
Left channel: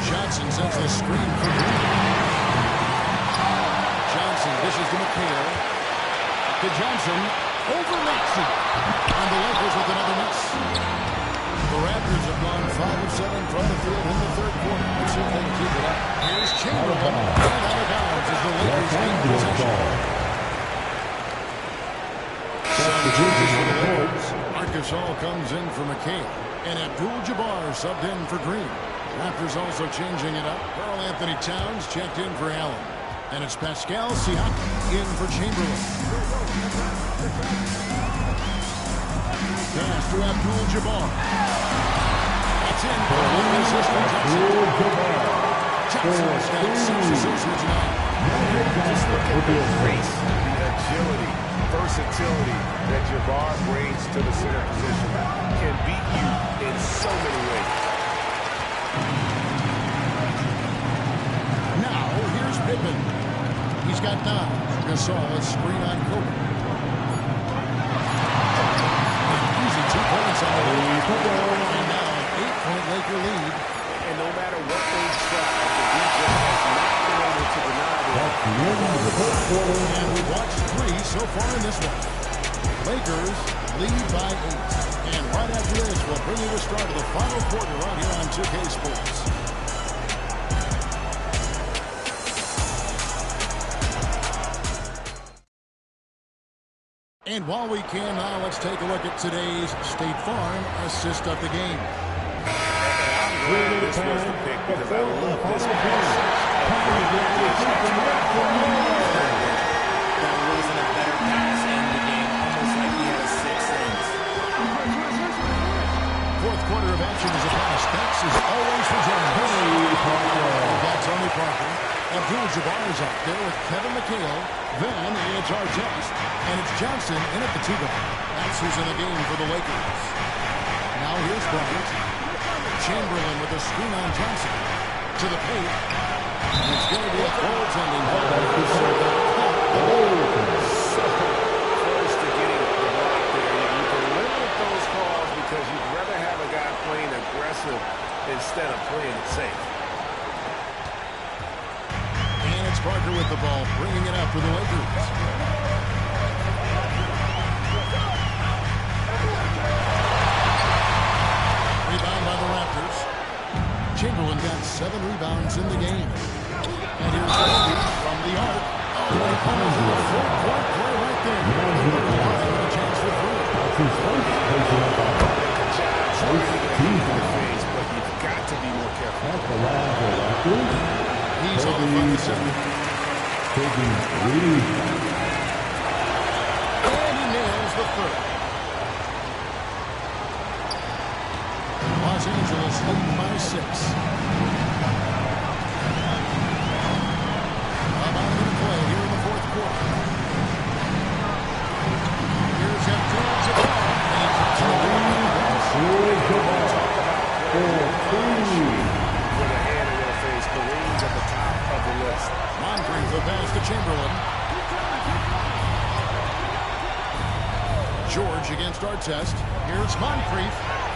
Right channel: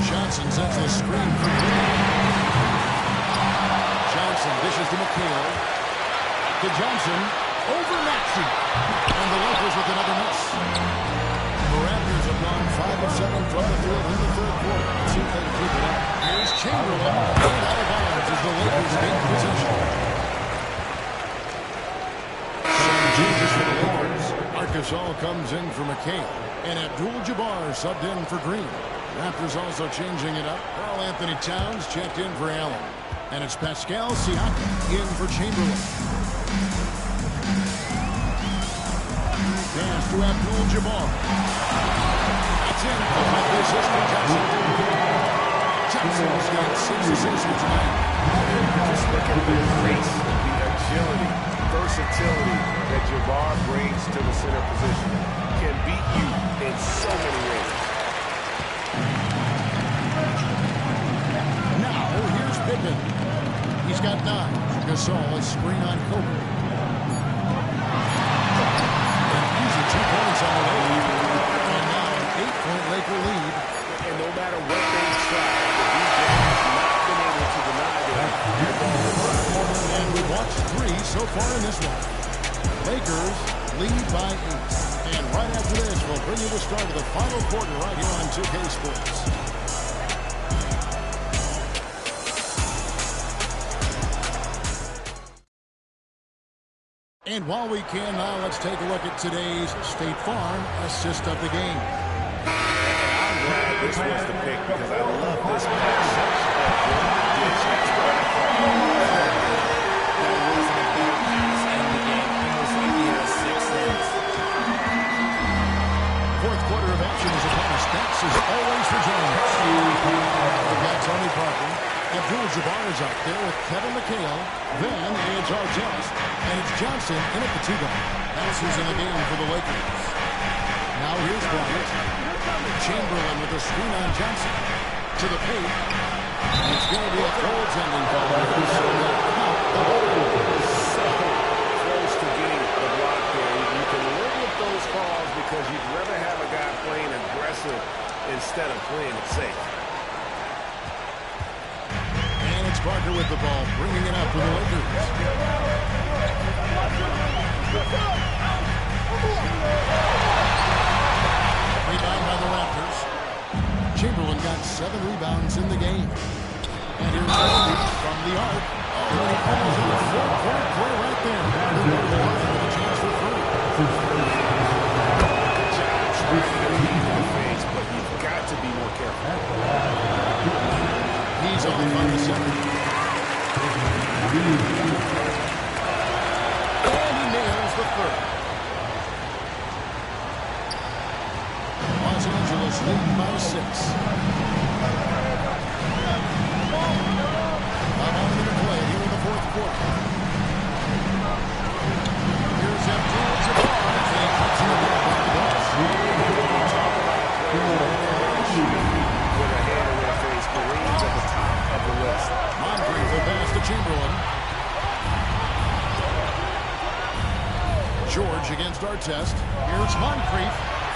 Johnson sends the screen for Green. Johnson dishes to McHale. Back to Johnson. Over Maxey. And the Lakers with another miss. The Raptors have gone 5 of 7 from the field in the third quarter. Let's see if they can keep it up. Here's Chamberlain. And out of bounds as the Lakers gain possession. Gasol comes in for McHale, and Abdul-Jabbar subbed in for Green. Raptors also changing it up. Karl Anthony Towns checked in for Allen. And it's Pascal Siakam in for Chamberlain. Pass to Abdul-Jabbar. It's in for the assist for Johnson. Johnson's got 6 assists here tonight. Just look at the grace, the agility, versatility that Jabbar brings to the center position. Can beat you in so many ways. Now, here's Pippen. He's got 9. Gasol is screen on Kobe. An easy 2 points on the lead. And now an 8-point Laker lead. And no matter what they tried, the DJ has not been able to deny them. And we've watched 3 so far in this one. Lakers lead by 8. And right after this, we'll bring you the start of the final quarter right here on 2K Sports. And while we can now, let's take a look at today's State Farm assist of the game. I'm glad this was the pick because I love this pass. Such a great dish. That's what I call third vision. That wasn't a better pass in the game, almost like he had a sixth sense. Fourth quarter of action is upon us. Thanks as always for joining us. We've got Tony Parker. Abdul-Jabbar is out there with Kevin McHale. Then it's Artest. And it's Johnson in at the 2-guard. That's who's in the game for the Lakers. Now here's Bryant. Chamberlain with a screen on Johnson. To the paint. And it's going to be a goaltending call. So they'll count the goal. So close to getting the block there. You can live with those calls because you'd rather have a guy playing aggressive instead of playing it safe. And it's Parker with the ball, bringing it up for the Lakers. Rebound by the Raptors. Chamberlain got 7 rebounds in the game. And here's Kobe from the arc. Oh, and he almost had a full-court play right there. With a chance for free. Good job trying to get a heat in the face, but you've got to be more careful. He's off on the second. And he nails the third. Los Angeles leading by 6. About a minute played here in the fourth quarter. Here's Abdul-Jabbar, and he comes in the layup on the glass. Talk about players with fine shooting with a hand in their face. Kareem's at the top of the list. Moncrief the pass to Chamberlain. George against Artest. Here's Moncrief.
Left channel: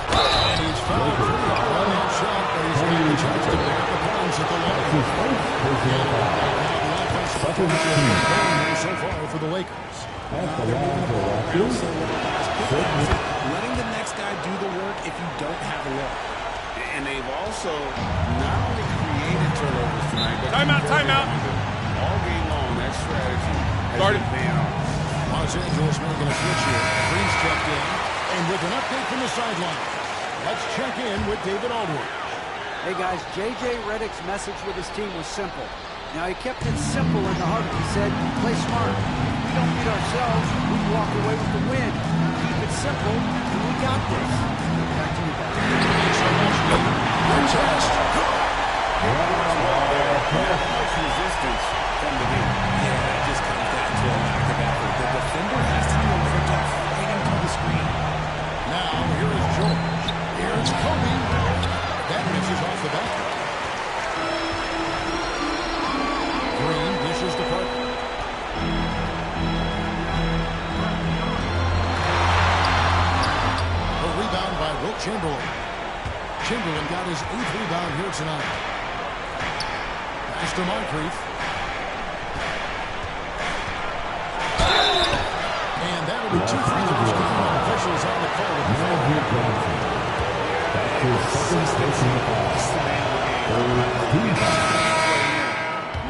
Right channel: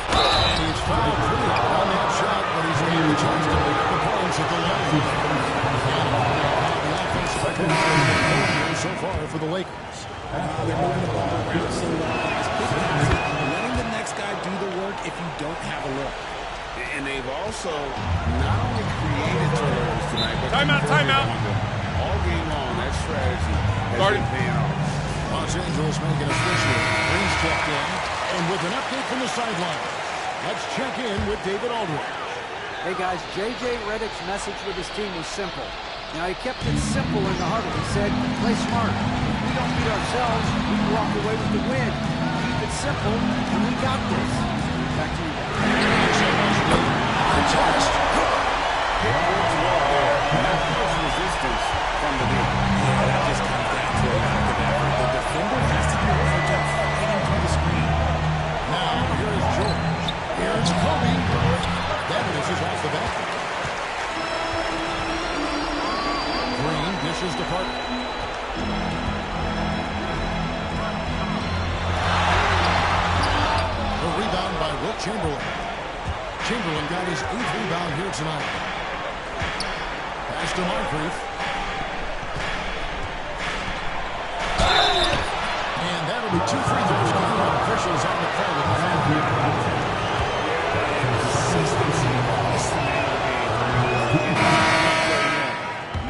And he's fouled pretty hard on that shot, but he's got the chance to pick up the points at the line. And now the offensive performance has been going here so far for the Lakers. They're moving the ball around so well, guys. Quick passes, letting the next guy do the work if you don't have a look. And they've also not only created turnovers tonight, but timeout. All game long, that strategy has been paying off. Los Angeles making a switch here. Green's checked in. And with an update from the sidelines, let's check in with David Aldridge. Hey, guys, J.J. Redick's message with his team was simple. Now, he kept it simple in the huddle. He said, play smart. If we don't beat ourselves, we walk away with the win. Keep it simple, and we got this. Back to you guys. Thanks so much, David. Artest. Good. It works well there. Not much resistance from the knee. Yeah, that just comes down to a lack of effort. The defender has to do a better job fighting through the screen. Now, here is George. Here's Kobe. That misses off the back. Green dishes to Parker. A rebound by Wilt Chamberlain. Chamberlain got his 8th rebound here tonight. Pass to Moncrief. And that'll be 2 free throws coming up. Officials on the call with the foul. Consistency is the name of the game.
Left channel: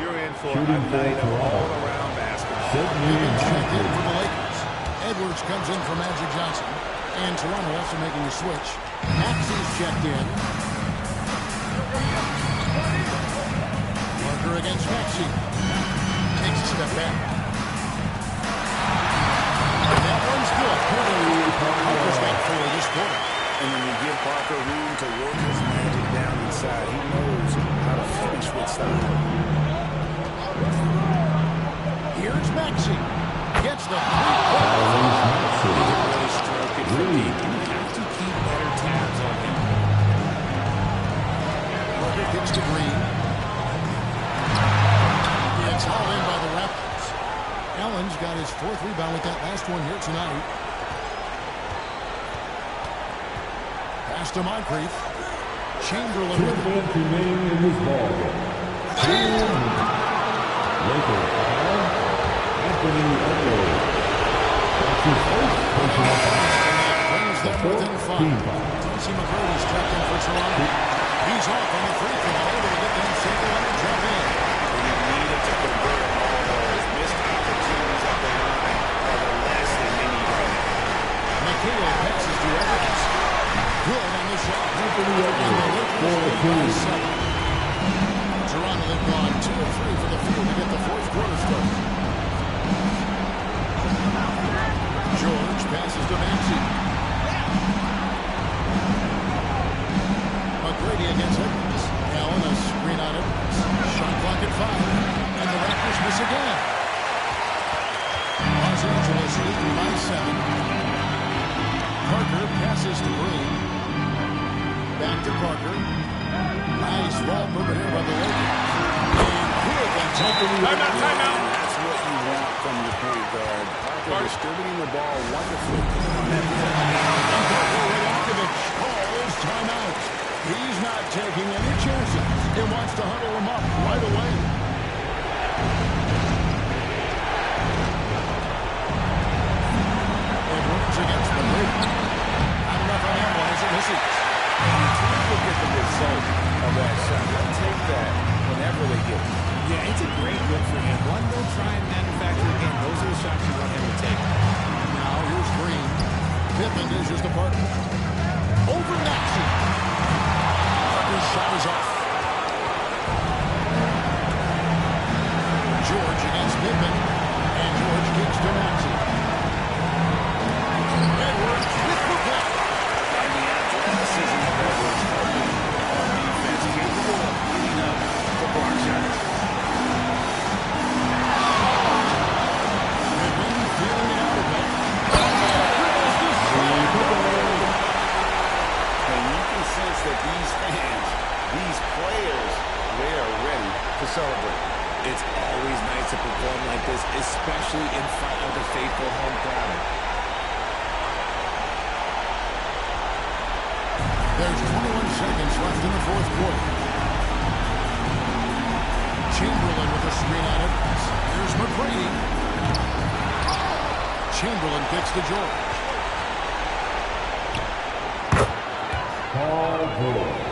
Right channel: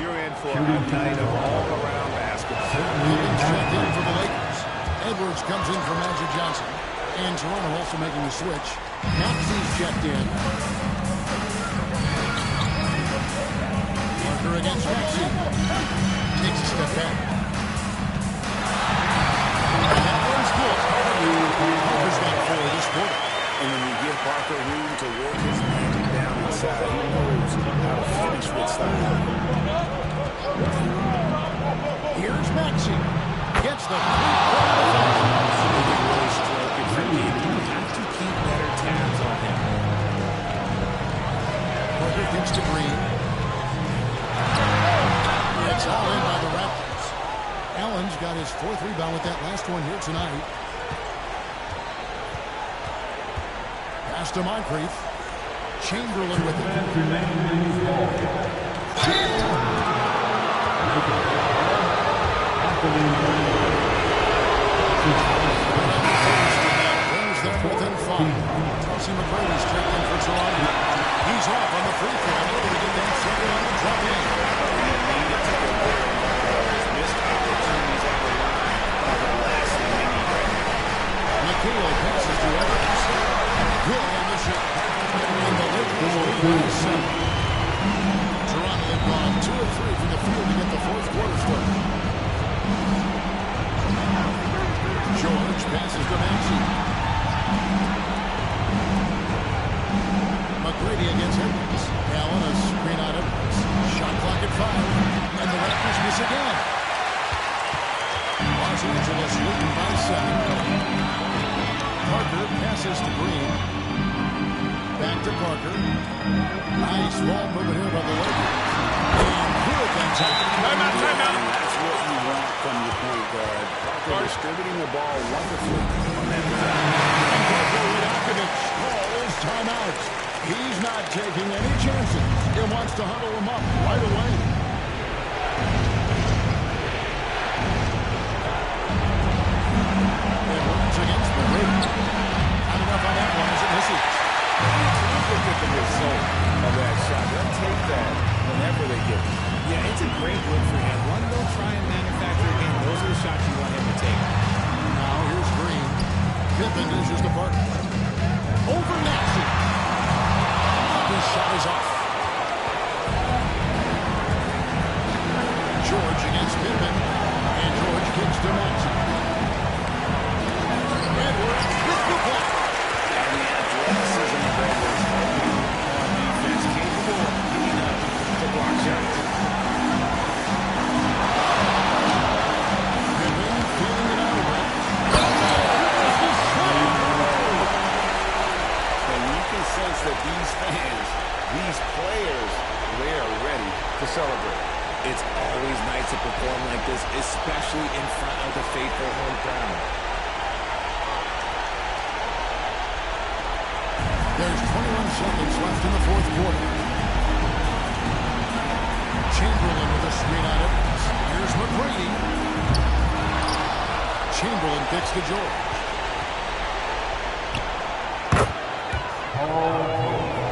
You're in for a night of all-around basketball. Evans checked in for the Lakers. Edwards comes in for Magic Johnson. And Toronto also making the switch. Maxey's checked in. Parker against Maxey. Takes a step back. And that one's good. Parker's got 4 this quarter. And when you give Parker room to work his magic down inside, he knows how to finish with style. Here's Maxey. Gets the three-pointer. He can really stroke it from deep. You have to keep better tabs on him. Parker gets to Green. It's all in by the Raptors. Allen's got his 4th rebound with that last one here tonight. Pass to Moncrief. Chamberlain with it. Brings them within 5. Tracy McGrady's checked in for Toronto. He's off on the free throw, able to get that second one to drop in. You need it to convert on all those missed opportunities at the line are the last thing they need right now. McHale passes to Evans. Good on the shot. And the Lakers lead by 7. Toronto have gone 2 of 3 from the field to get the 4th quarter started. George passes to Maxey. McGrady against Edwards. Allen a screen on Edwards. Shot clock at 5. And the Raptors miss again. Los Angeles leading by 7. Parker passes to Green. Back to Parker. Nice ball movement here by the Lakers. And good that time. Timeout. And that's what you want from your point guard. Parker distributing the ball wonderfully on that possession. And Parker Rajakovic calls timeout. He's not taking any chances. He wants to huddle him up right away. Edwards against McGrady. Not enough on that one as it misses. You can't look at the result of that shot. They'll take that whenever they get it. Yeah, it's a great look for him. One, they'll try and manufacture again. Those are the shots you want him to take. Now here's Green. Pippen dishes to Parker. Over Maxey. Parker's shot is off. George against Pippen. And George kicks to Maxey. Edwards with the block. And the athleticism of Edwards helping on defense, capable of getting up to block shots. Pippen feeling it out a bit. And you can sense that these fans, these players, they are ready to celebrate. It's always nice to perform like this, especially in front of the faithful home crowd. There's 21 seconds left in the 4th quarter. Chamberlain with a screen on Edwards. Here's McGrady. Chamberlain kicks to George. Paul George.